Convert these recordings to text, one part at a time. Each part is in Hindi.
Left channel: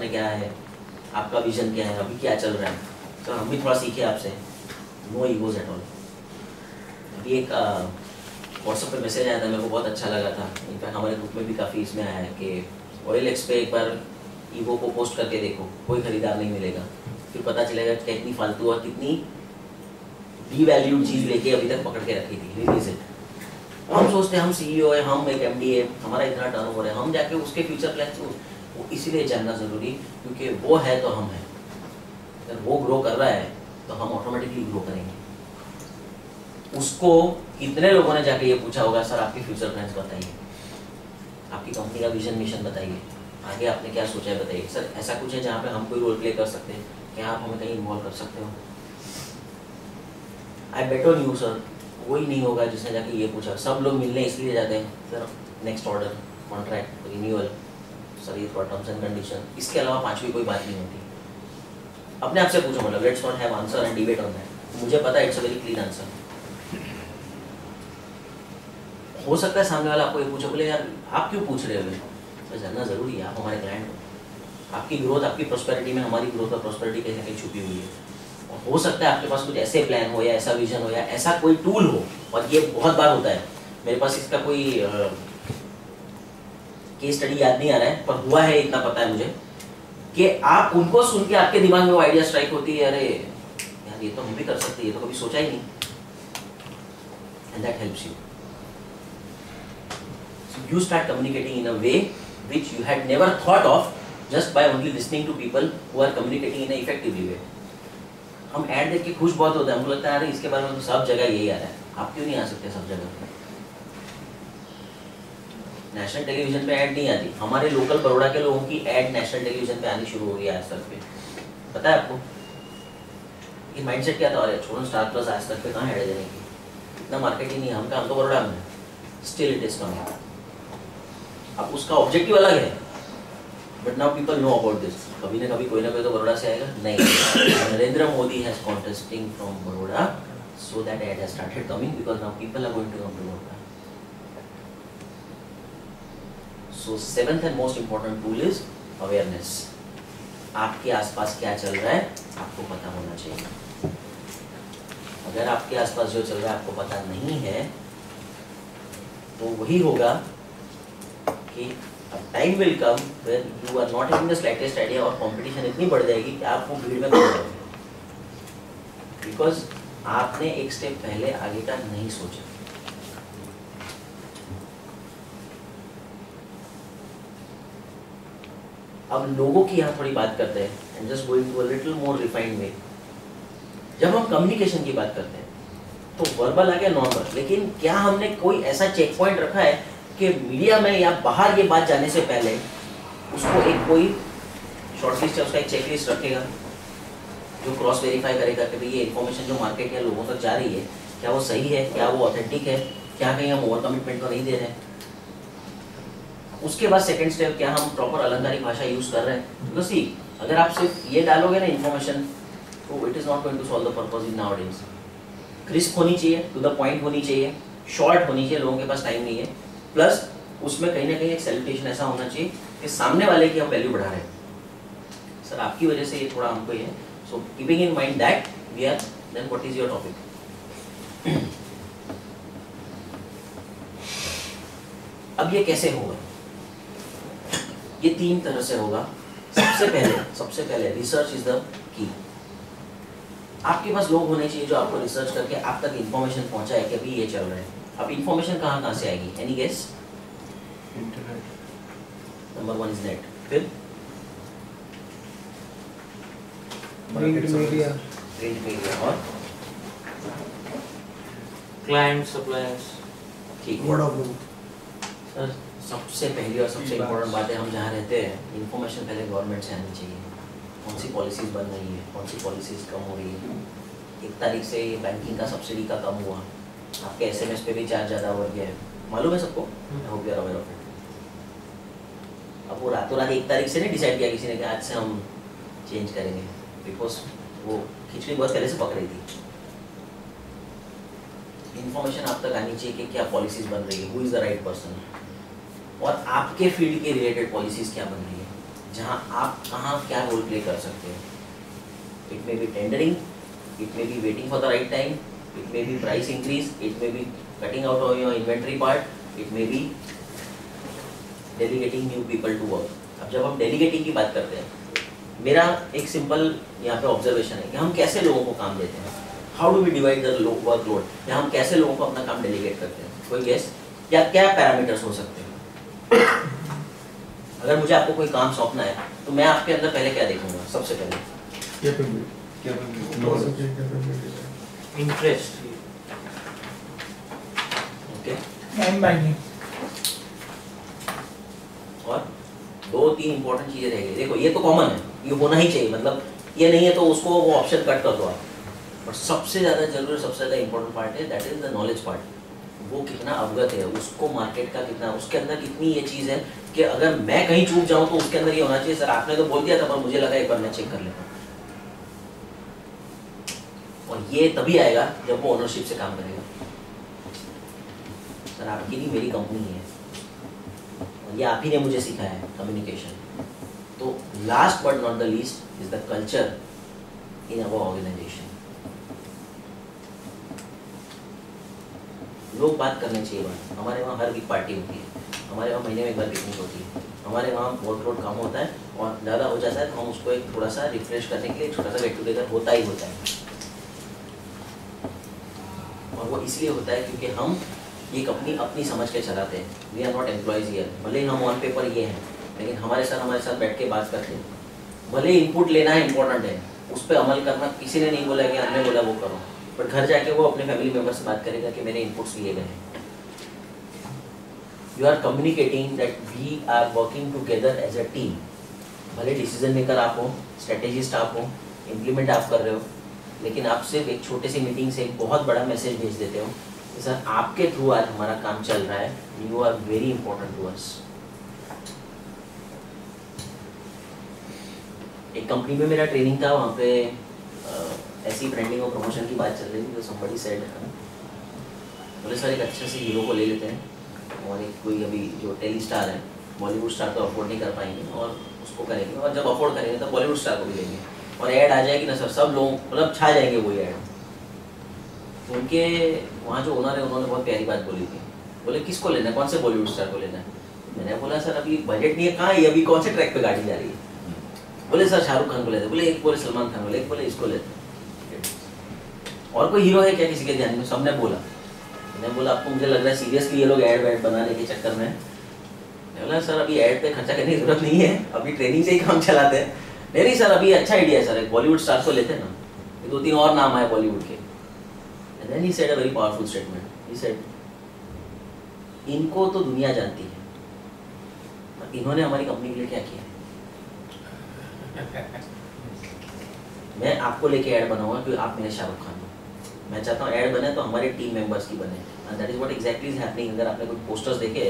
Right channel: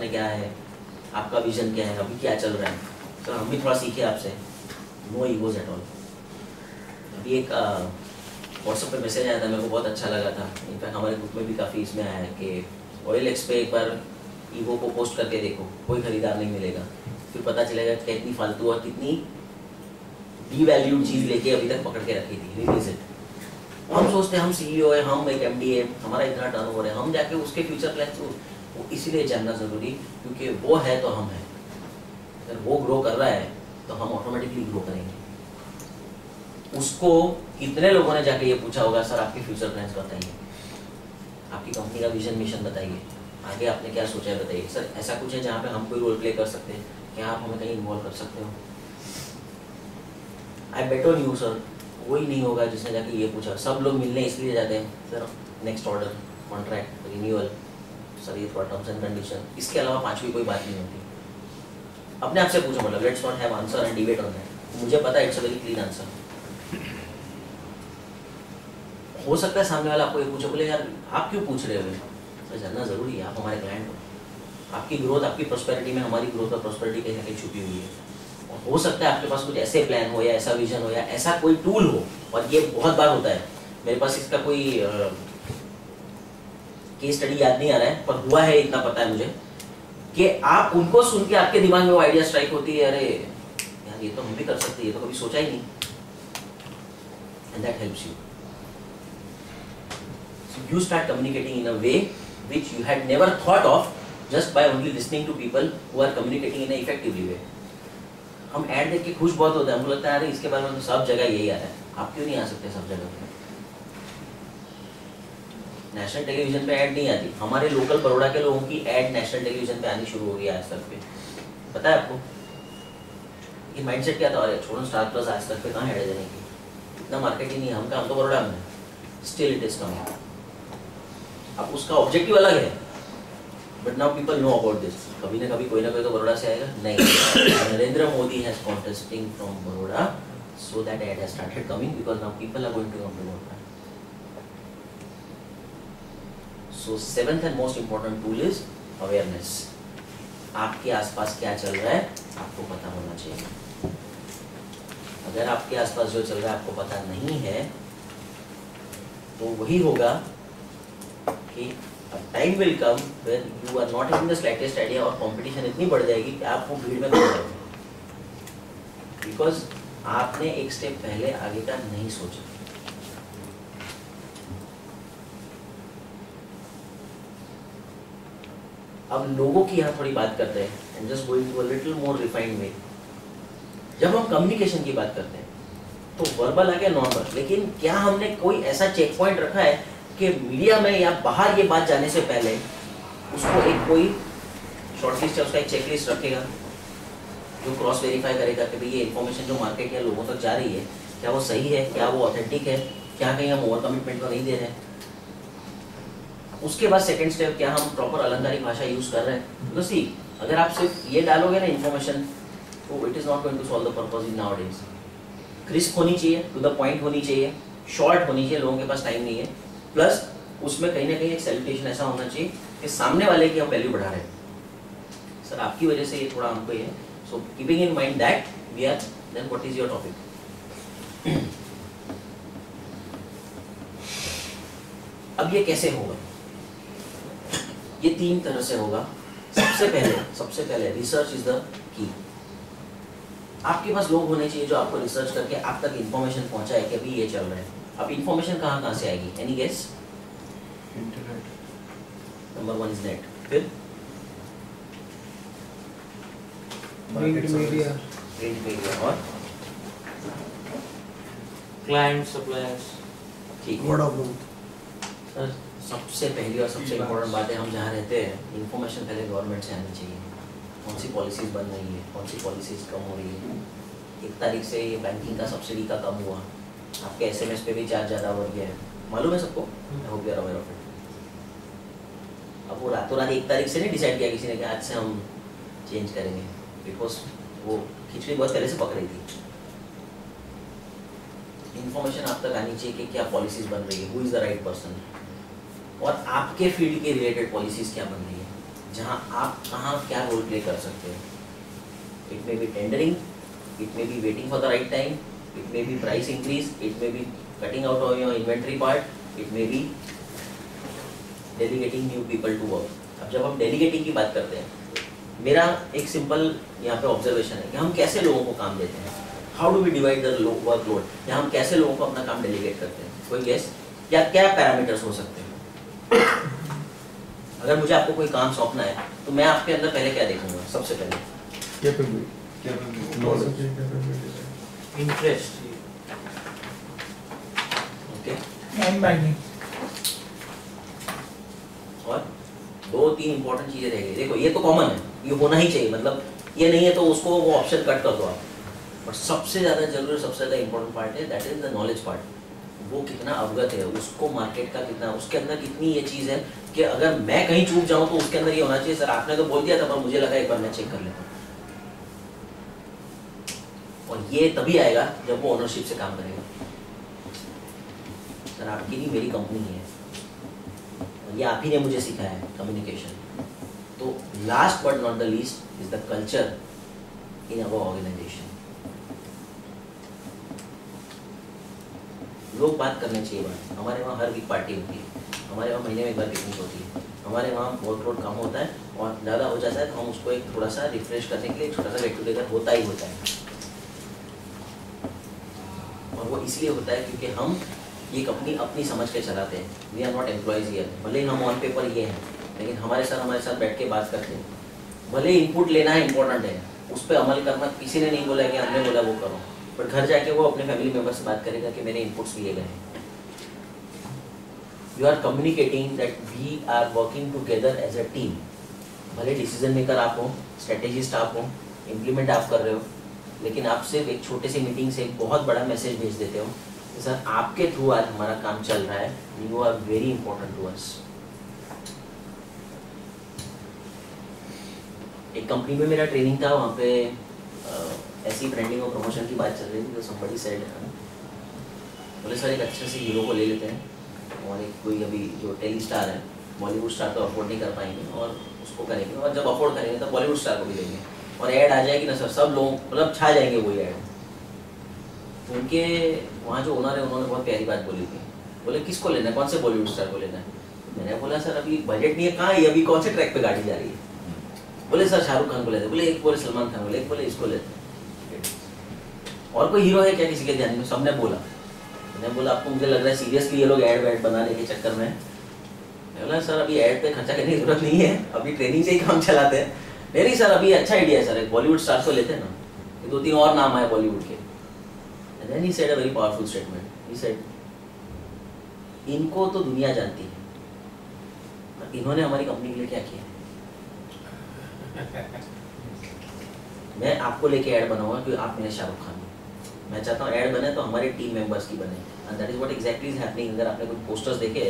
आपने क्या है, आपका विजन क्या है, अभी क्या चल रहा है, तो हम भी थोड़ा सीखे आपसे। No egos at all. अभी एक व्हाट्सएप पे मैसेज आया था, मेरे को बहुत अच्छा लगा था, इनफैक्ट हमारे ग्रुप में भी काफ़ी इसमें आया है कि OLX पे एक बार ईगो को पोस्ट करके देखो, कोई खरीदार नहीं मिलेगा, फिर पता चलेगा कितनी फालतू और कितनी डीवैल्यूड चीज़ लेके अभी तक पकड़ के रखी थी। Release it. हम सोचते हैं हम CEO है, हम एक MD है, हमारा इतना टर्नओवर है, हम जाके उसके फ्यूचर प्लान वो इसीलिए जानना ज़रूरी, क्योंकि वो है तो हम हैं। अगर वो ग्रो कर रहा है तो हम ऑटोमेटिकली ग्रो करेंगे। उसको कितने लोगों ने जाके ये पूछा होगा, सर आपके फ्यूचर प्लान्स बताइए, आपकी कंपनी का विजन मिशन बताइए, आगे आपने क्या सोचा है बताइए। सर ऐसा कुछ है जहाँ पे हम कोई रोल प्ले कर सकते हैं, क्या आप हमें कहीं इन्वॉल्व कर सकते हो? आई बेट ऑन यू सर। वही नहीं होगा जिसने जाके ये पूछा। सब लोग मिलने इसलिए जाते हैं sir, next order, contract, renewal, sir ये थोड़ा टर्म्स एंड कंडीशन, इसके अलावा पांचवी कोई बात नहीं होती। अपने आप से पूछो, मतलब let's not have answer and debate on that. मुझे पता है it's a very clean answer. हो सकता है सामने वाला आपको ये पूछे, बोले यार आप क्यों पूछ रहे हो? सर जानना जरूरी है, आप हमारे क्लाइंट हो, आपकी ग्रोथ, आपकी प्रॉस्पेरिटी में हमारी ग्रोथ और प्रॉस्पेरिटी कहीं ना कहीं छुपी हुई है। और हो सकता है आपके पास कुछ ऐसे प्लान हो या ऐसा विजन हो या ऐसा कोई टूल हो, और ये बहुत बार होता है। मेरे पास इसका कोई केस स्टडी याद नहीं आ रहा है, पर हुआ है इतना पता है मुझे, कि आप उनको सुन के आपके दिमाग में वो आइडिया स्ट्राइक होती है, अरे यार ये तो हम भी कर सकते हैं, ये तो कभी सोचा ही नहीं, and that helps you. So you start communicating in a way which you had never thought of just by only listening to people who are communicating in a effectively way. हम ऐड देख के खुश बहुत होते हैं, हमको लगता है अरे इसके बारे में तो सब जगह यही आ रहा है, आप क्यों नहीं आ सकते सब जगह? नेशनल टेलीविजन पे ऐड नहीं आती, हमारे लोकल बड़ौदा के लोगों की ऐड नेशनल टेलीविजन पे आनी शुरू हो गई आज तक पे। पता है आपको ये माइंडसेट क्या था? अरे छोड़ो, स्टार प्लस आज तक पे कहाँ ऐड देने की, इतना मार्केट ही नहीं है, हम तो बड़ौदा में, स्टिल इट इज कमिंग। अब उसका ऑब्जेक्टिव अलग है, but now people know about this. कभी ना कभी कोई ना कोई तो बड़ौदा से आएगा। नहीं, Narendra Modi has contesting from Baroda, so that ad has started coming because now people are going to come to Baroda. So seventh and most important tool is awareness. आपके आसपास क्या चल रहा है आपको पता होना चाहिए। अगर आपके आसपास जो चल रहा है आपको पता नहीं है, तो वही होगा कि time will come where you are not having the slightest idea, और कंपटीशन इतनी बढ़ जाएगी कि आप वो भीड़ में खो जाओगे, बिकॉज आपने एक स्टेप पहले आगे का नहीं सोचा। अब लोगों की यहाँ थोड़ी बात करते हैं, and just going to a little more refined way. जब हम कम्युनिकेशन की बात करते हैं तो वर्बल आ गया, नॉन, लेकिन क्या हमने कोई ऐसा चेक पॉइंट रखा है कि मीडिया में या बाहर ये बात जाने से पहले उसको एक कोई शॉर्टलिस्ट या उसका एक चेकलिस्ट रखेगा जो क्रॉस वेरीफाई करेगा कि भाई ये इन्फॉर्मेशन जो मार्केट या लोगों तक जा रही है क्या वो सही है, क्या वो ऑथेंटिक है, क्या कहीं हम ओवर कमिटमेंट तो नहीं दे रहे हैं। उसके बाद सेकंड स्टेप, क्या हम प्रॉपर अलंकारिक भाषा यूज कर रहे हैं। तो सी अगर आप सिर्फ ये डालोगे ना इन्फॉर्मेशन, तो it is not going to solve the purpose in nowadays. Crisp होनी चाहिए, टू द पॉइंट होनी चाहिए, शॉर्ट होनी चाहिए, लोगों के पास टाइम नहीं है, प्लस उसमें कहीं ना कहीं एक सेलिब्रेशन ऐसा होना चाहिए कि सामने वाले की हम वैल्यू बढ़ा रहे हैं, सर आपकी वजह से ये थोड़ा हमको ये। So keeping in mind that we are, then what is your topic. अब ये कैसे होगा? ये तीन तरह से होगा। सबसे पहले रिसर्च इज द की। आपके पास लोग होने चाहिए जो आपको रिसर्च करके आप तक इंफॉर्मेशन पहुंचाए कि अभी ये चल रहा है। अब इंफॉर्मेशन कहाँ से आएगी? Any guess? Internet. Number 1 is net, फिर प्रिंट मीडिया, और क्लाइंट, सप्लायर्स। ठीक वर्ड है ऑफ माउथ। सर, सबसे पहली और सबसे इम्पोर्टेंट बात है, हम जहाँ रहते हैं इंफॉर्मेशन पहले गवर्नमेंट से आनी चाहिए। कौन सी पॉलिसीज बन रही है, कौन सी पॉलिसीज कम हो रही है। 1 तारीख से ये बैंकिंग का सब्सिडी का कम हुआ, आपके SMS पे भी चार्ज ज़्यादा बढ़ गया है, मालूम है सबको? I hope you are aware of it. अब वो रातों रात 1 तारीख से नहीं डिसाइड किया किसी ने कि आज से हम चेंज करेंगे, बिकॉज वो खिचड़ी बहुत पहले से पक रही थी। इन्फॉर्मेशन आप तक आनी चाहिए कि क्या पॉलिसीज बन रही है, who is the right person, और आपके फील्ड के रिलेटेड पॉलिसीज क्या बन रही है। जहाँ आप कहाँ क्या रोल प्ले कर सकते हो. It may be tendering, it may be waiting for the right time, it may be price increase, it may be cutting out of your inventory part, it may be delegating new people to work. अब जब हम डेलीगेटिंग की बात करते हैं, मेरा एक सिंपल यहाँ पे ऑब्जर्वेशन है कि हम कैसे लोगों को काम देते हैं. How do we divide the workload, या हम कैसे लोगों को अपना काम डेलीगेट करते हैं. कोई गेस, या क्या पैरामीटर्स हो सकते हैं. अगर मुझे आपको कोई काम सौंपना है तो मैं आपके अंदर पहले क्या देखूंगा. सबसे पहले इंटरेस्ट. ओके, माइंडिंग और 2-3 इंपॉर्टेंट चीजें रहेगी. देखो ये तो कॉमन है, ये होना ही चाहिए, मतलब ये नहीं है तो उसको वो ऑप्शन कट कर दो आप. बट सबसे ज़्यादा जरूरी, सबसे ज़्यादा इंपॉर्टेंट पार्ट है that is the knowledge part. वो कितना अवगत है, उसको मार्केट का कितना, उसके अंदर कितनी ये चीज़ है कि अगर मैं कहीं चूक जाऊँ तो उसके अंदर ये होना चाहिए सर आपने तो बोल दिया था पर मुझे लगा एक बार मैं चेक कर लेता हूँ. और ये तभी आएगा जब वो ओनरशिप से काम करेगा. सर आपकी नहीं मेरी कंपनी है, और ये आप ही ने मुझे सिखाया है कम्युनिकेशन. तो last but not the least is the culture in our organisation. लोग बात करने चाहिए बात. हमारे वहाँ हर वीक पार्टी होती है, हमारे वहाँ महीने में एक बार पिकनिक होती है, हमारे वहाँ वर्कलोड कम होता है और ज़्यादा हो जाता है तो हम उसको एक थोड़ा सा रिफ्रेश करने के लिए एक छोटा सा गेट टुगेदर होता ही होता है. और वो इसलिए होता है क्योंकि हम ये कंपनी अपनी समझ के चलाते हैं. We are not employees here. भले ही हम ऑन पेपर ये हैं, लेकिन हमारे साथ बैठ के बात करते हैं. भले इनपुट लेना है इंपॉर्टेंट है, उस पर अमल करना किसी ने नहीं बोला कि हमने बोला वो करो, बट घर जाके वो अपने फैमिली मेम्बर से बात करेगा कि मेरे इनपुट्स लिए गए हैं. You are communicating that we are working together as a team. भले डिसीजन मेकर आप हो, स्ट्रेटेजिस्ट आप हो, इम्प्लीमेंट आप कर रहे हो, लेकिन आप सिर्फ एक छोटे सी मीटिंग से एक बहुत बड़ा मैसेज भेज देते हो कि सर आपके थ्रू आज हमारा काम चल रहा है. You are very important to us. एक कंपनी में मेरा ट्रेनिंग था, वहाँ पे ऐसी ब्रांडिंग और प्रमोशन की बात चल रही थी. तो somebody said, बोले सर एक अच्छे से हीरो को ले लेते हैं और एक कोई अभी जो टेली स्टार है, बॉलीवुड स्टार तो अफोर्ड नहीं कर पाएंगे और उसको करेंगे, और जब अफोर्ड करेंगे तो बॉलीवुड स्टार को भी लेंगे और ऐड आ जाएगी ना सर, सब लोग मतलब छा जाएंगे वही ऐड. तो उनके वहाँ जो ओनर है उन्होंने बहुत प्यारी बात बोली थी. बोले किसको लेना है, कौन से बॉलीवुड स्टार को लेना है. मैंने बोला सर अभी बजट नहीं है, कहाँ है अभी, कौन से ट्रैक पे गाड़ी जा रही है. बोले सर शाहरुख खान को लेते. बोले एक बोले सलमान खान को, एक बोले इसको लेते. और कोई हीरो है क्या किसी के ध्यान में. सबने बोला. मैंने बोला आपको मुझे लग रहा है सीरियसली ये लोग ऐड वैड बनाने के चक्कर में. मैं बोला सर अभी ऐड पे खर्चा करने की जरूरत नहीं है, अभी ट्रेनिंग से ही काम चलाते हैं. नहीं सर अभी अच्छा आइडिया है सर, एक बॉलीवुड स्टार को लेते हैं ना, 2-3 और नाम आए बॉलीवुड के. And then he said a very powerful statement. He said, इनको तो दुनिया जानती है, पर इन्होंने हमारी कंपनी के लिए क्या किया है. मैं आपको लेके ऐड बनाऊंगा क्योंकि आप मेरे शाहरुख खान हो. मैं चाहता हूँ ऐड बने तो हमारे टीम मेंबर्स की बने. And that is what exactly is happening. अगर आपने कुछ पोस्टर्स देखे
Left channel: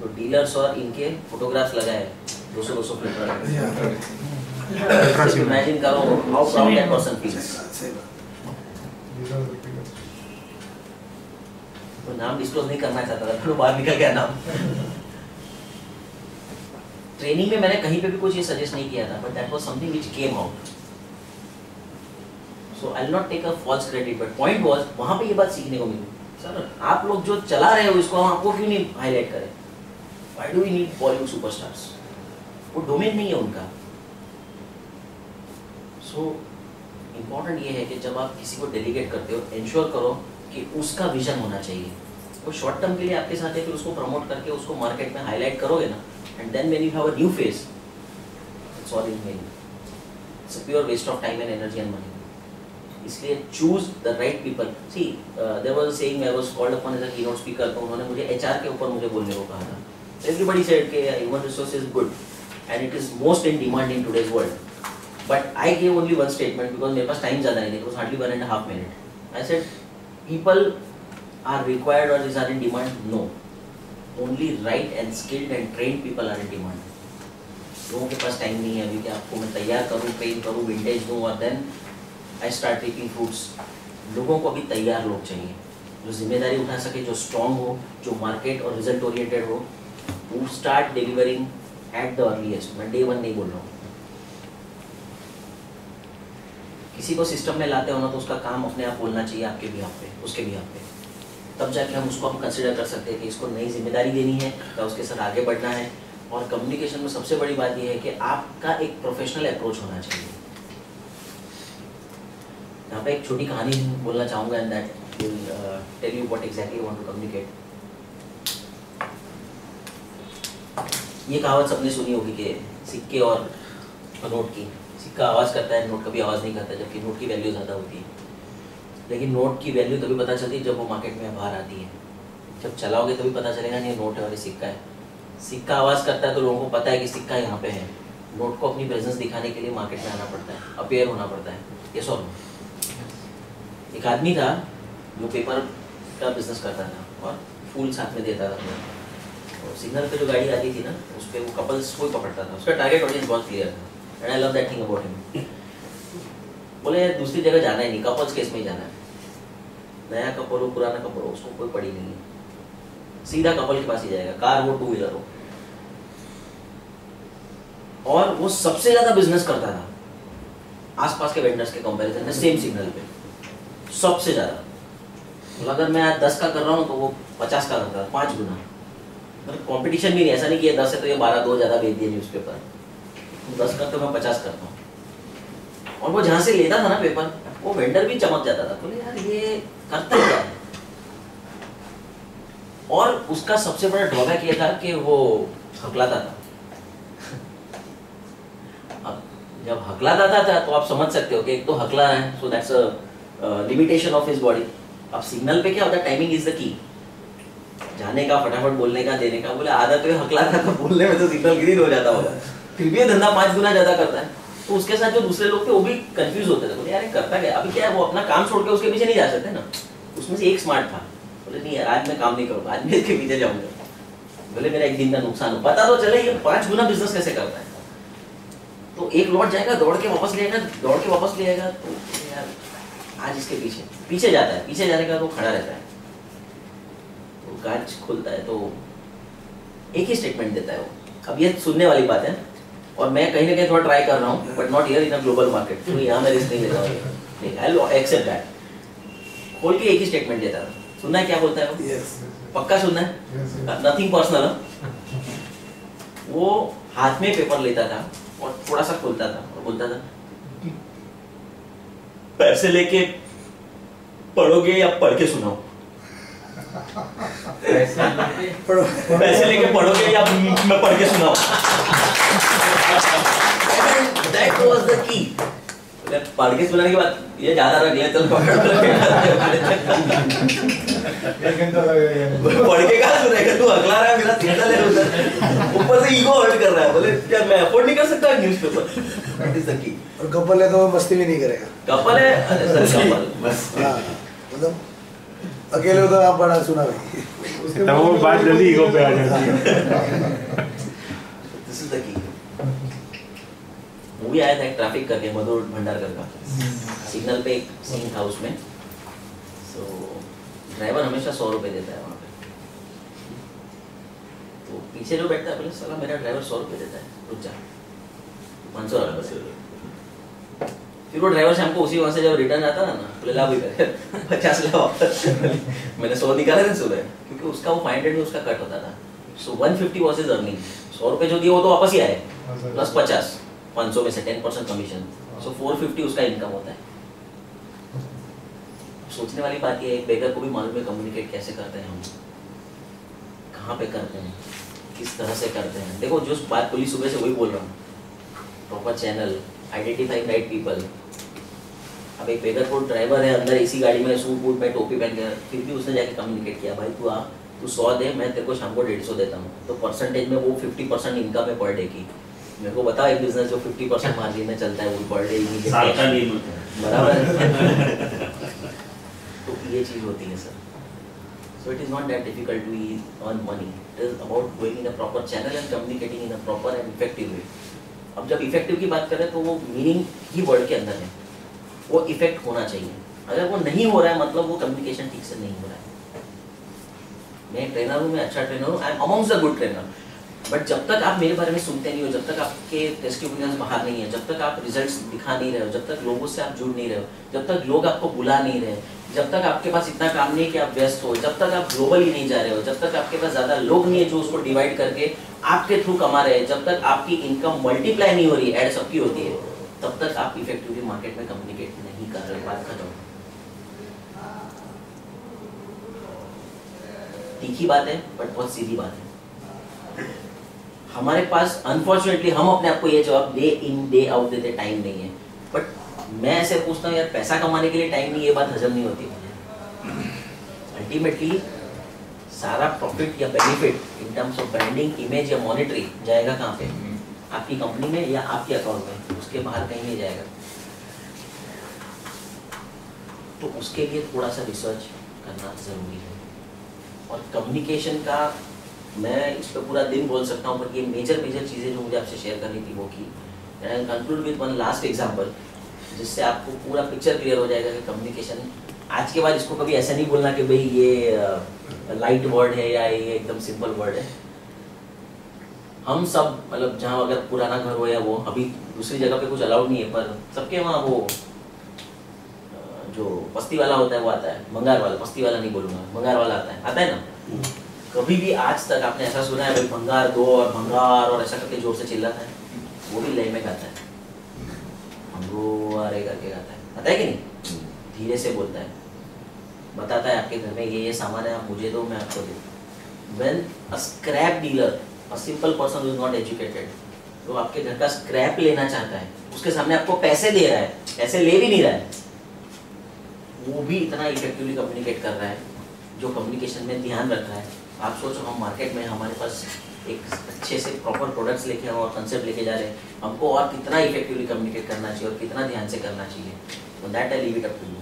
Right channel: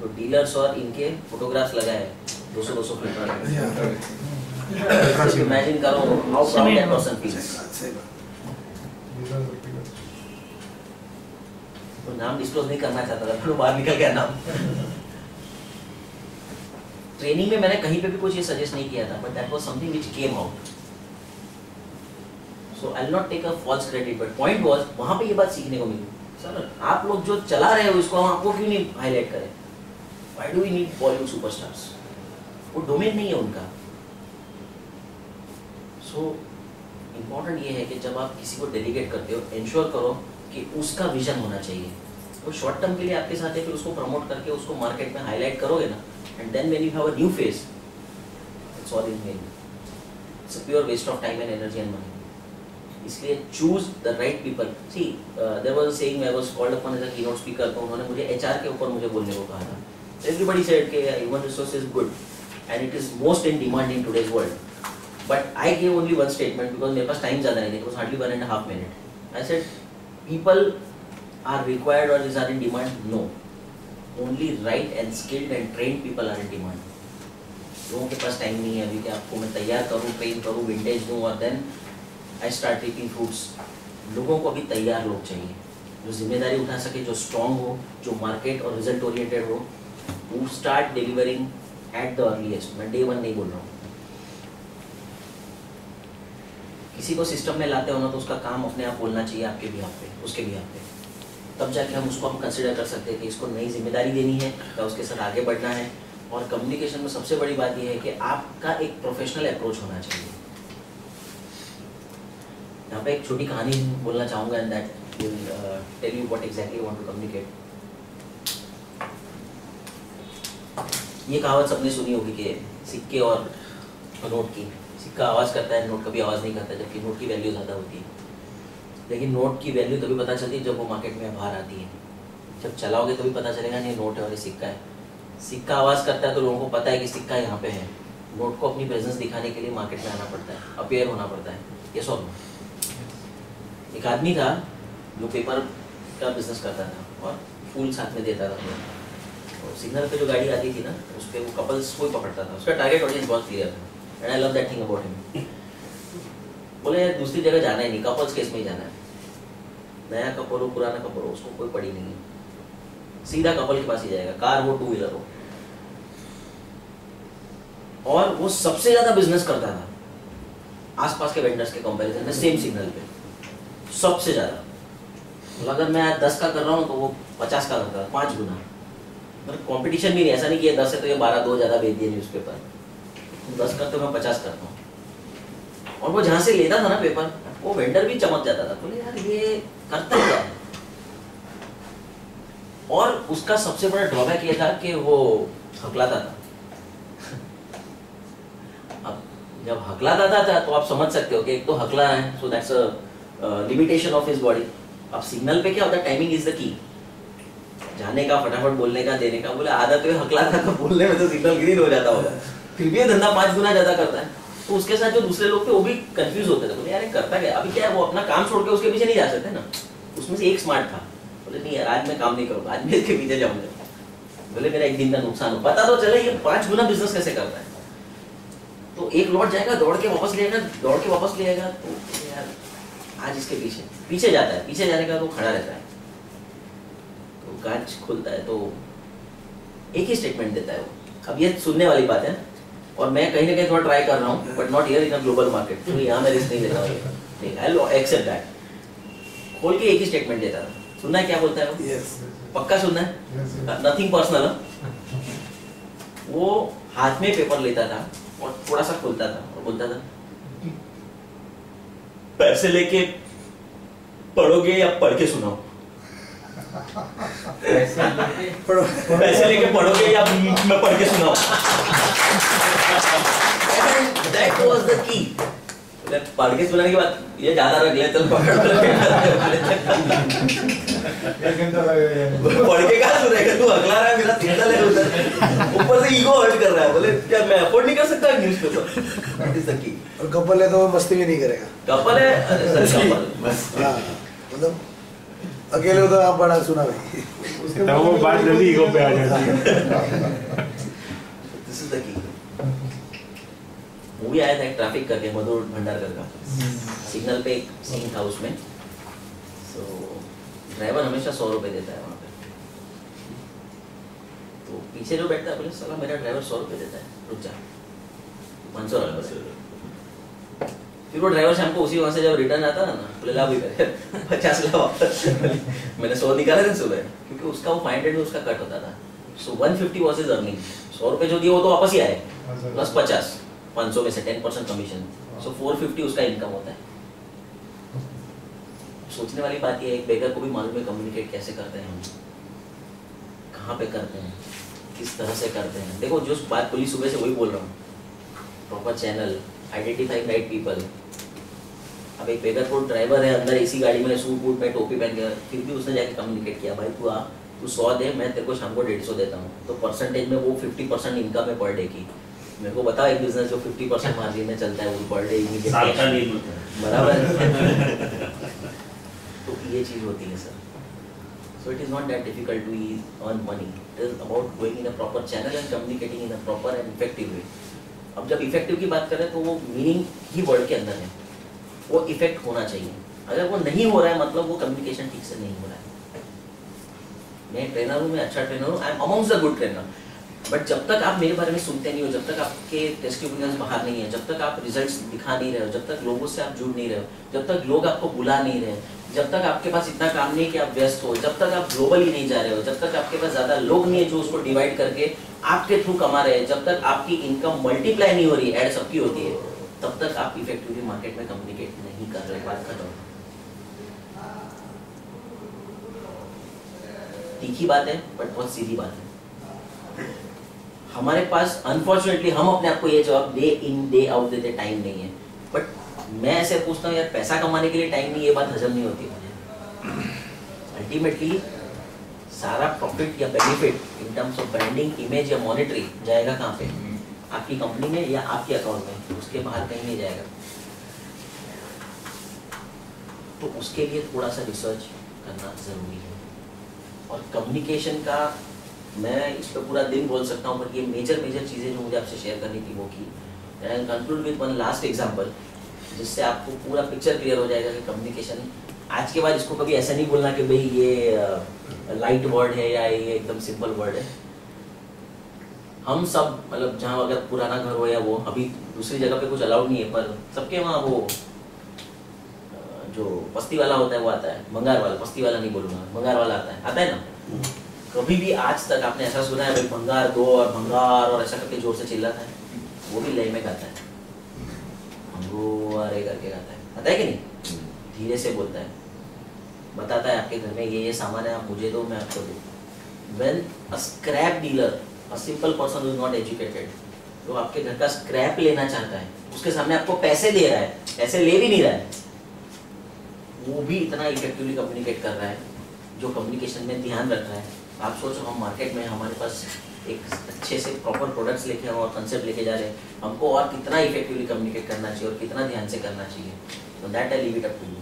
तो डीलर्स और इनके फोटोग्राफ्स लगाए 200 फिल्टर. इमेजिन करो how proud that person feels. तो नाम डिस्क्लोज नहीं करना चाहता था, फिर बाहर निकल गया नाम. ट्रेनिंग में मैंने कहीं पे भी कुछ ये सजेस्ट नहीं किया था, but that was something which came out. So I will not take a false credit, but point was वहां पे ये बात सीखने को मिली. सर आप लोग जो चला रहे हो इसको हम आपको क्यों नहीं हाईलाइट करें. Why do we need Bollywood superstars. वो डोमेन नहीं है उनका. सो इम्पोर्टेंट ये है कि जब आप किसी को डेलीगेट करते हो, इंश्योर करो कि उसका विजन होना चाहिए. वो शॉर्ट टर्म के लिए आपके साथ है, फिर उसको प्रमोट करके उसको मार्केट में हाईलाइट करोगे ना, and then when you have a new face, it's all in vain. It's a pure waste of time and energy and money. इसलिए choose the right people. See there was a saying, I was called upon as a keynote speaker. तो उन्होंने मुझे एचआर के ऊपर मुझे बोलने को कहा था. एवरीबॉडी सेड कि human resource is good and it is most in demand in today's world. But I gave only one statement because मेरे पास टाइम ज़्यादा नहीं था. It was hardly 1.5 minute. I said people are required or is are in demand. No, only right and skilled and trained people are in demand. लोगों के पास टाइम नहीं है अभी कि आपको मैं तैयार करूँ, ट्रेन करूँ, विंटेज दूँ और then I start reaping fruits. लोगों को अभी तैयार लोग चाहिए जो जिम्मेदारी उठा सके, जो स्ट्रॉन्ग हो, जो मार्केट और रिजल्ट ओरिएंटेड हो. who start delivering at the earliest, मैं डे 1 नहीं बोल रहा हूँ। किसी को सिस्टम में लाते हो ना तो उसका काम अपने आप बोलना चाहिए आपके भी पे, उसके भी पे, तब जाके हम उसको कंसिडर कर सकते हैं कि इसको नई जिम्मेदारी देनी है या उसके साथ आगे बढ़ना है। और कम्युनिकेशन में सबसे बड़ी बात यह है कि आपका एक प्रोफेशनल अप्रोच होना चाहिए। यहाँ पे एक छोटी कहानी बोलना चाहूँगा and that will tell you what exactly want to communicate. ये कहावत सबने सुनी होगी कि सिक्के और नोट की, सिक्का आवाज़ करता है, नोट कभी आवाज़ नहीं करता, जबकि नोट की वैल्यू ज़्यादा होती है। लेकिन नोट की वैल्यू तभी पता चलती है जब वो मार्केट में बाहर आती है। जब चलाओगे तभी पता चलेगा नहीं नोट है और ये सिक्का है। सिक्का आवाज़ करता है तो लोगों को पता है कि सिक्का यहाँ पे है। नोट को अपनी प्रेजेंस दिखाने के लिए मार्केट में आना पड़ता है, अपेयर होना पड़ता है। ये सॉल्व। एक आदमी था जो पेपर का बिजनेस करता था और फूल साथ में देता था। और सिग्नल पे जो गाड़ी आती थी ना उस पर वो कपल्स को ही पकड़ता था। उसका टारगेट ऑडियंस बहुत क्लियर था and I love that thing about him. बोले दूसरी जगह जाना ही नहीं, कपल्स केस में ही जाना है। नया कपल हो पुराना कपल हो उसको कोई पड़ी नहीं है, सीधा कपल के पास ही जाएगा, कार हो टू व्हीलर हो। और वो सबसे ज्यादा बिजनेस करता था आसपास के वेंडर्स के कंपैरिजन में सेम सिग्नल पे, सबसे ज्यादा। मतलब अगर मैं आज 10 का कर रहा हूँ तो वो 50 का करता था, 5 गुना। मतलब कॉम्पिटिशन भी नहीं, ऐसा नहीं कि ये 10 है तो ये 12-2 ज्यादा बेच दिए न्यूज़पेपर। 10 करते मैं 50 करता हूँ। और वो जहाँ से लेता था ना पेपर, वो वेंडर भी चमक जाता था, बोले यार ये करता क्या है। और उसका सबसे बड़ा ड्रॉबैक ये था कि वो हकलाता था। अब जब हकलाता था तो आप समझ सकते हो कि एक तो हकला है, so that's a limitation of his body. अब सिग्नल पे क्या होता है, टाइमिंग इज द की। जाने का, फटाफट बोलने का, देने का। बोले आदत है हकलाता था, बोलने में तो सिग्नल ग्रीन हो जाता होगा, फिर भी ये धंधा 5 गुना ज्यादा करता है। तो उसके साथ जो दूसरे लोग थे वो भी कंफ्यूज होते थे, बोले यार करता क्या। अभी क्या है, वो अपना काम छोड़ के उसके पीछे नहीं जा सकते ना। उसमें से एक स्मार्ट था, बोले नहीं यार आज मैं काम नहीं करूँगा, आज मैं इसके पीछे जाऊंगा। बोले मेरा एक दिन का नुकसान हो, पता तो चले ये 5 गुना बिजनेस कैसे करता है। तो एक लौट जाएगा, दौड़ के वापस ले आएगा, दौड़ के वापस ले आएगा। तो यार आज इसके पीछे जाता है, पीछे जाने का तो खड़ा रहता है। तो कांच खुलता है तो एक ही स्टेटमेंट देता है वो। अब ये सुनने वाली बात है और मैं कहीं ना कहीं थोड़ा ट्राई कर रहा हूँ, but not here in a global market. तो यहाँ मैं रिस्क नहीं लेता हूँ, नहीं आई विल एक्सेप्ट दैट। खोल के एक ही स्टेटमेंट देता था। सुनना है क्या बोलता है वो? Yes. पक्का सुनना है, नथिंग पर्सनल। वो हाथ में पेपर लेता था और थोड़ा सा खोलता था और बोलता था पैसे लेके पढ़ोगे या पढ़ के सुनाओ। पैसे लेके पढ़ोगे या मैं पढ़ के सुनाऊं। That was the key. पढ़ के सुनाने के बाद ये ज्यादा रख लिया, चल पकड़ पढ़ के कहाँ सुनेगा तू, अगला रहा है मेरा सिग्नल है उधर, ऊपर से ईगो हर्ट कर रहा है। बोले क्या मैं अफोर्ड नहीं कर सकता newspaper. That is the key. और कपल है तो मस्ती भी नहीं करेगा। कपल है, अरे सर कपल बस। हाँ, मतलब अकेले हो तो आप बड़ा सुना भाई। तो वो बात जल्दी ईगो पे आ जाती है। This is the key. Movie आया था एक ट्रैफिक करके, मधुर भंडारकर का। सिग्नल पे एक सीन था उसमें। सो ड्राइवर हमेशा 100 रुपए देता है वहाँ पे। तो पीछे जो बैठता है बोले साला मेरा ड्राइवर 100 रुपए देता है, रुक जा 500 रुपए। फिर वो ड्राइवर शाम को उसी वहाँ से जब रिटर्न आता ना बोले ला भी करे 50 ला वापस। मैंने 100 निकाला था सुबह, क्योंकि उसका वो 500 में उसका कट होता था। सो 150 वाज हिज अर्निंग। 100 रुपए जो दिए वो तो वापस ही आए, प्लस 50 500 में से 10% कमीशन। सो 450 उसका इनकम होता है। सोचने वाली बात ये है, एक बेगर को भी मालूम है कम्युनिकेट कैसे करते हैं हम, कहाँ पे करते हैं, किस तरह से करते हैं। देखो जो बात बोली सुबह से वही बोल रहा हूँ, proper channel, identifying right people. अब एक बेगर को ड्राइवर है अंदर एसी गाड़ी में, सूट बूट में, टोपी पहन के, फिर भी उसने जाके कम्युनिकेट किया भाई तू आ, तू 100 दे, मैं तेरे को शाम को 150 देता हूँ। तो परसेंटेज में वो 50% इनकम है पर डे की। मेरे को बताओ एक बिजनेस जो 50% मार्जिन में चलता है वो पर डे इमीडिएट बराबर है। तो ये चीज होती है sir. So it is not that difficult to earn money, it is about going in a proper channel and communicating in a proper and effective way. अब जब इफेक्टिव की बात करें तो वो मीनिंग ही वर्ड के अंदर है, वो इफेक्ट होना चाहिए। अगर वो नहीं हो रहा है मतलब वो कम्युनिकेशन ठीक से नहीं हो रहा है। मैं ट्रेनर हूँ, मैं अच्छा ट्रेनर हूँ, I am amongst the good trainer, but जब तक आप मेरे बारे में सुनते नहीं हो, जब तक आपके टेस्टिमोनियल्स बाहर नहीं है, जब तक आप रिजल्ट्स दिखा नहीं रहे हो, जब तक लोगों से आप जुड़ नहीं रहे हो, जब तक लोग आपको बुला नहीं रहे, जब तक आपके पास इतना काम नहीं कि आप व्यस्त हो, जब तक आप ग्लोबली नहीं जा रहे हो, जब तक आपके पास ज़्यादा लोग नहीं है जो उसको डिवाइड करके आपके थ्रू कमा रहे हैं, जब तक आपकी इनकम मल्टीप्लाई नहीं हो रही, ऐड सबकी होती है, तब तक आप इफेक्टिवली मार्केट में कम्युनिकेट नहीं कर रहे। बात खत्म। तीखी बात है बट बहुत सीधी बात है। हमारे पास अनफॉर्चुनेटली हम अपने आप को ये जवाब डे इन डे आउट देते टाइम नहीं है, बट मैं ऐसे पूछता हूँ यार पैसा कमाने के लिए टाइम नहीं, ये बात हजम नहीं होती मुझे। अल्टीमेटली सारा प्रॉफिट या benefit in terms of branding, image या मॉनिटरी जाएगा कहाँ पे? आपकी कंपनी में या आपके अकाउंट में, उसके बाहर कहीं नहीं जाएगा। तो उसके लिए थोड़ा सा रिसर्च करना जरूरी है। और कम्युनिकेशन का मैं इस पर पूरा दिन बोल सकता हूँ, पर ये मेजर चीज़ें जो मुझे आपसे शेयर करनी थी वो की। And conclude with one last example, जिससे आपको पूरा पिक्चर क्लियर हो जाएगा कि कम्युनिकेशन आज के बाद इसको कभी ऐसा नहीं बोलना कि भाई ये लाइट वर्ड है या ये एकदम सिंपल वर्ड है। हम सब मतलब जहाँ अगर पुराना घर हो या वो, अभी दूसरी जगह पे कुछ अलाउड नहीं है, पर सबके वहाँ वो जो बस्ती वाला होता है वो आता है, भंगार वाला, बस्ती वाला नहीं बोलूँगा, भंगार वाला आता है ना। कभी भी आज तक आपने ऐसा सुना है भाई भंगार दो और भंगार और ऐसा करके जोर से चिल्लाता है? वो भी लय में गाता है, भंगोरे करके गाता है, आता है कि नहीं? धीरे से बोलता है, बताता है आपके घर में ये सामान है, आप मुझे दो मैं आपको दूँ। When a scrap dealer, a simple person who is not educated, जो आपके घर का स्क्रैप लेना चाहता है, उसके सामने आपको पैसे दे रहा है, पैसे ले भी नहीं रहा है, वो भी इतना इफेक्टिवली कम्युनिकेट कर रहा है, जो कम्युनिकेशन में ध्यान रख रहा है। आप सोचो हम मार्केट में हमारे पास एक अच्छे से प्रॉपर प्रोडक्ट्स लेके और कंसेप्ट लेके जा रहे हैं, हमको और कितना इफेक्टिवली कम्युनिकेट करना चाहिए और कितना ध्यान से करना चाहिए। तो that I leave it up to you.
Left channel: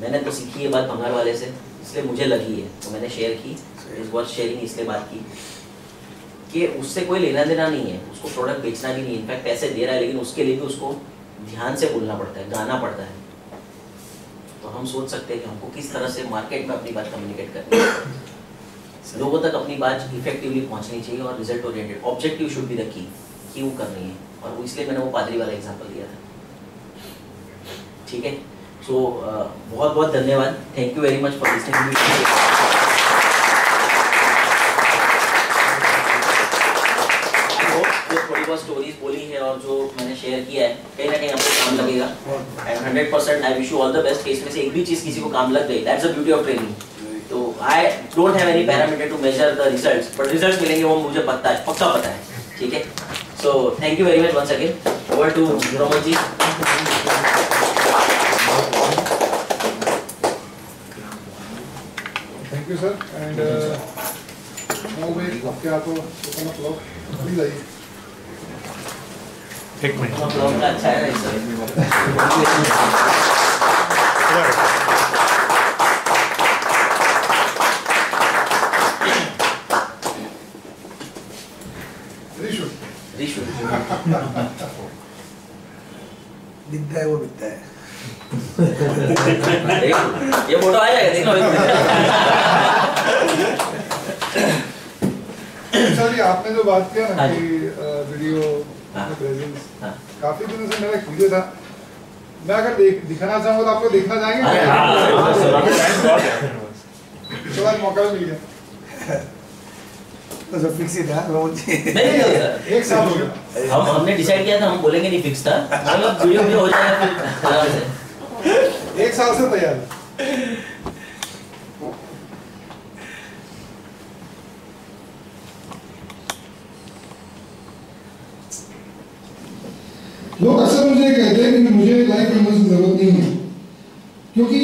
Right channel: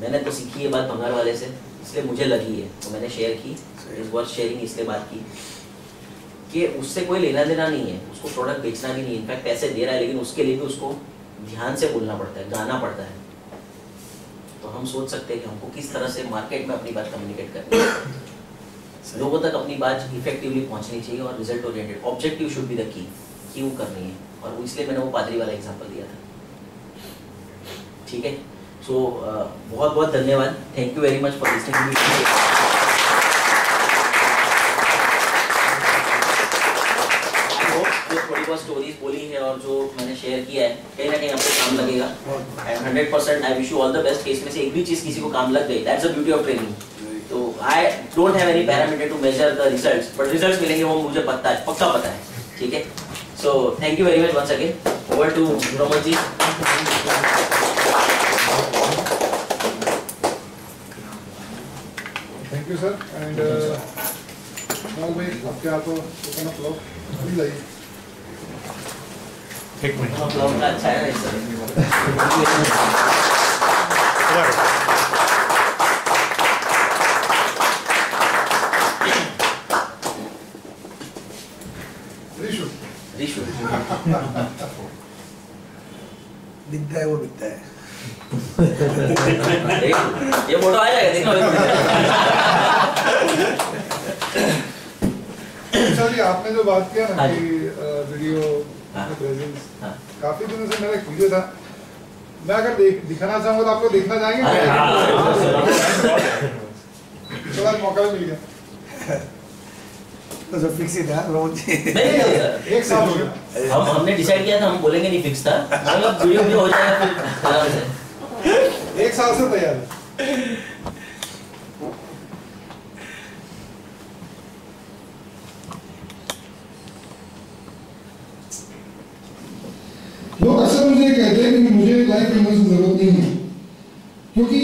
मैंने तो सीखी ये बात भंगार वाले से, इसलिए मुझे लगी है तो मैंने शेयर की। इज वर्थ शेयरिंग, इसलिए बात की कि उससे कोई लेना देना नहीं है, उसको प्रोडक्ट बेचना भी नहीं, इनफैक्ट पैसे दे रहा है, लेकिन उसके लिए भी उसको ध्यान से बोलना पड़ता है, गाना पड़ता है। तो हम सोच सकते हैं कि हमको किस तरह से मार्केट में अपनी बात कम्युनिकेट करनी है, लोगों तक अपनी बात इफेक्टिवली पहुंचनी चाहिए और result oriented, objective should be the key, क्यों करनी है। और वो इसलिए मैंने वो पादरी वाला एग्जांपल दिया था। ठीक है, सो बहुत बहुत धन्यवाद, thank you very much for listening. थोड़ी बहुत स्टोरीज बोली है और जो मैंने शेयर किया है कहीं ना कहीं आपको काम लगेगा, and 100% I wish you all the best. इसमें से एक भी चीज किसी को काम लग गई, that's the beauty of training. तो I don't have any parameter to measure the results, but results मिलेंगे वो मुझे पता है, पक्का पता है। ठीक है, so thank you very much once again. Over to Roman ji. Thank you sir. And now भाई आपके हाथों ओपन अप ब्लॉग प्लीज आइए। एक मिनट, ब्लॉग का अच्छा है सर। रिशु रिशु दिखता है वो दिखता है। ये फोटो आ जाएगा, देखो। सर ये आपने जो बात किया ना हाँ कि वीडियो हाँ। प्रेजेंस, हाँ। काफी दिनों से मेरा एक वीडियो था, मैं अगर दिखाना चाहूँगा तो आप लोग देखना चाहेंगे? अरे हाँ। तो आज मौका भी मिल गया। तो सब फिक्स ही था रोज। नहीं, एक साल हो गया। हमने डिसाइड किया था, हम बोलेंगे नहीं फिक्स था, मतलब वीडियो भी हो जाएगा फिर आराम से। एक साल से तैयार है। लोग अक्सर मुझे कहते हैं कि मुझे लाइफ इन्वेस्टमेंट की जरूरत नहीं है, क्योंकि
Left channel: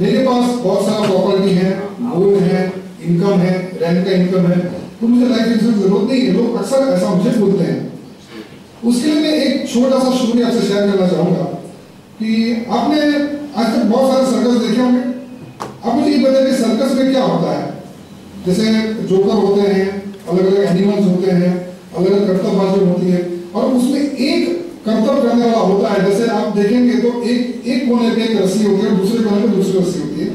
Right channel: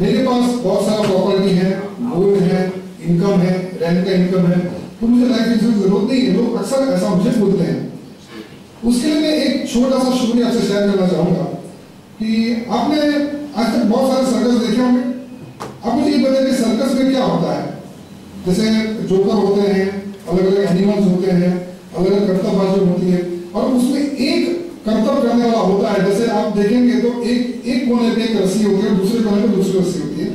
मेरे पास बहुत सारा प्रॉपर्टी है, गोल्ड है, इनकम है, रेंट का इनकम है, तो मुझे लाइफ इंश्योरेंस की जरूरत नहीं है। लोग अक्सर ऐसा मुझे बोलते हैं। उसके लिए मैं एक छोटा सा स्टोरी आपसे शेयर करना चाहूँगा कि आपने आज तक बहुत सारे सर्कस देखे होंगे। अब मुझे ये बताइए कि सर्कस में क्या होता है। जैसे जोकर होते हैं, अलग अलग एनिमल्स होते हैं, अलग अलग कर्तव्यबाजी होती है, और उसमें एक कर्तव्य करने वाला होता है। जैसे आप देखेंगे तो एक कोने पे एक रस्सी होती है, दूसरे कोने पे दूसरी रस्सी होती है।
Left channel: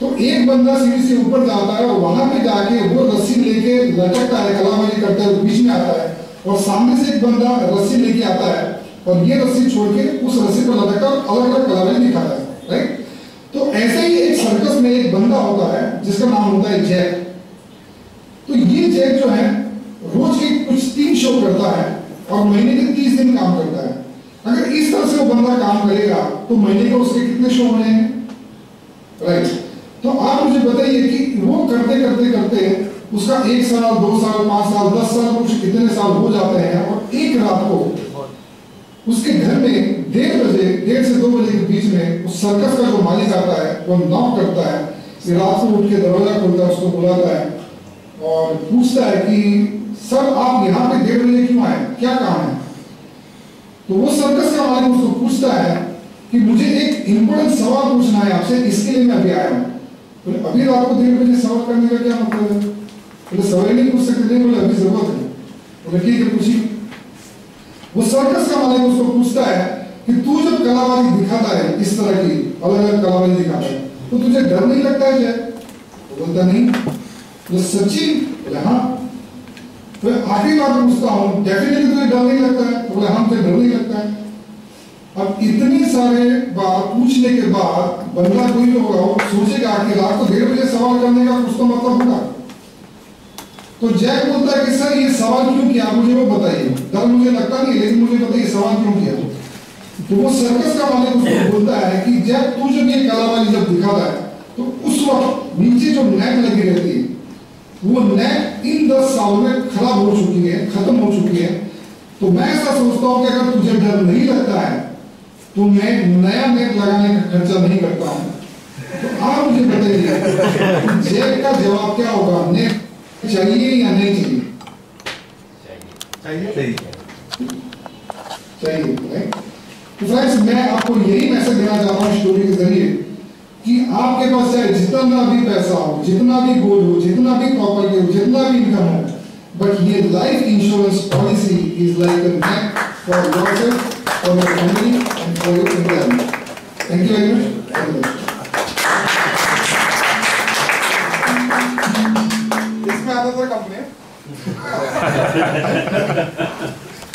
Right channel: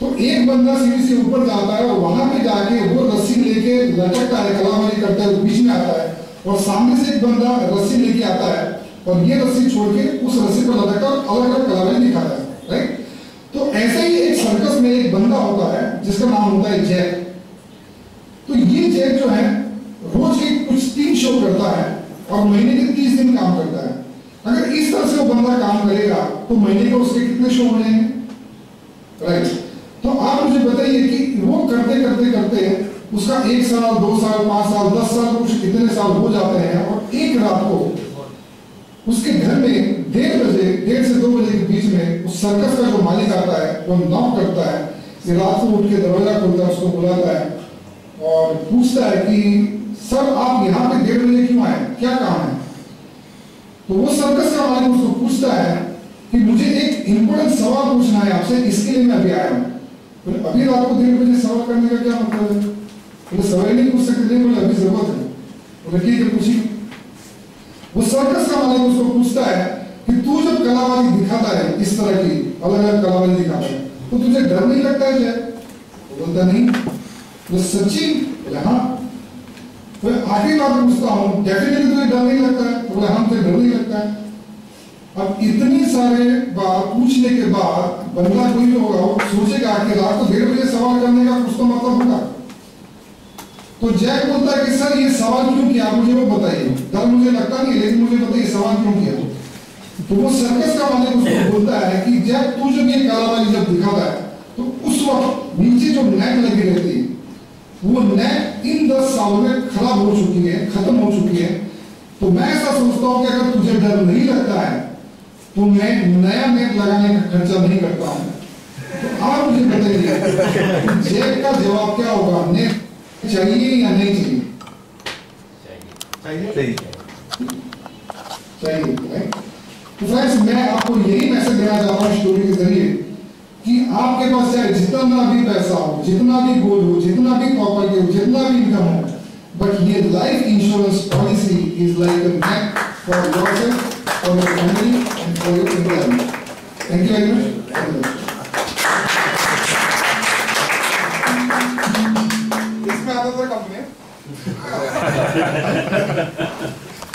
तो एक बंदा सीढ़ी से ऊपर जाता है और वहां पे जाके वो रस्सी लेके लटकता है, कलाबाजी करता है, बीच में आता है और सामने से एक बंदा रस्सी लेके आता है और ये रस्सी छोड़ के उस रस्सी पर लटकता है और अलग अलग कलाबाजी दिखाता है, राइट। तो ऐसे ही एक सर्कस में एक बंदा होता है जिसका नाम होता है जैक। तो ये जैक जो है रोज के कुछ 3 शो करता है और महीने के 30 दिन काम करता है। अगर इस तरह से वो बंदा काम करेगा तो महीने को उसके कितने शो हो जाएंगे, राइट। तो आप मुझे बताइए कि वो करते करते करते उसका 1 साल 2 साल 5 साल 10 साल कुछ कितने साल हो जाते हैं और एक रात को उसके घर में 1:30 से 2 बजे के बीच में उस सर्कस का जो मालिक आता है वो नॉक करता है, रात को उठ के दरवाजा खोलता है, उसको बुलाता है और पूछता है कि सर आप यहाँ पे 1:30 बजे क्यों आए, क्या काम है। तो वो सर्कस का मालिक उसको पूछता है कि मुझे एक इंपॉर्टेंट सवाल पूछना है आपसे, इसके लिए मैं अभी आया हूँ। बोले अभी रात को 1:30 बजे सवाल करने का क्या मतलब है। बोले सवाल नहीं पूछ सकते, नहीं बोले अभी जरूरत है। बोले ठीक है पूछिए। वो सर्कस का मालिक उसको पूछता है कि तू जब कलाबाजी दिखाता है इस तरह की अलग अलग कलाबाजी दिखाता है तो तुझे डर नहीं लगता है जय। वो बोलता नहीं। तो सच्ची? बोले हाँ। तो आखिरी बार पूछता हूँ डेफिनेटली तुझे डर नहीं लगता है। बोले हाँ मुझे डर नहीं लगता है। अब इतनी सारे बात पूछने के बाद बंदा कोई भी होगा वो सोचेगा कि रात को 1:30 बजे सवाल करने का कुछ तो मतलब होगा। तो जैक बोलता है कि सर ये सवाल क्यों किया मुझे वो बताइए, डर मुझे लगता नहीं लेकिन मुझे बताइए सवाल क्यों किया। तो वो सर्कस का मालिक उसको बोलता है कि जैक तू जब ये कलाबाजी जब दिखाता है तो उस वक्त नीचे जो नेट लगी रहती है वो नेट इन 10 सालों में खराब हो चुकी है, खत्म हो चुकी है। तो मैं ऐसा सोचता हूँ कि अगर तुझे डर नहीं लगता है तो मैं नया नेट लगाने का खर्चा नहीं करता हूँ। तो आप मुझे बताइए जैक का जवाब क्या होगा, नेट चाहिए या नहीं चाहिए? चाहिए राइट। तो फ्रेंड्स मैं आपको यही मैसेज देना चाहता हूँ स्टोरी के जरिए कि आपके पास चाहे जितना भी पैसा हो, जितना भी गोल्ड हो, जितना भी प्रॉपर्टी हो, जितना भी इनकम हो, बट ये life insurance policy is like a net for yourself, for your family and for your employment. Thank you very much. इसमें आता था कंपनी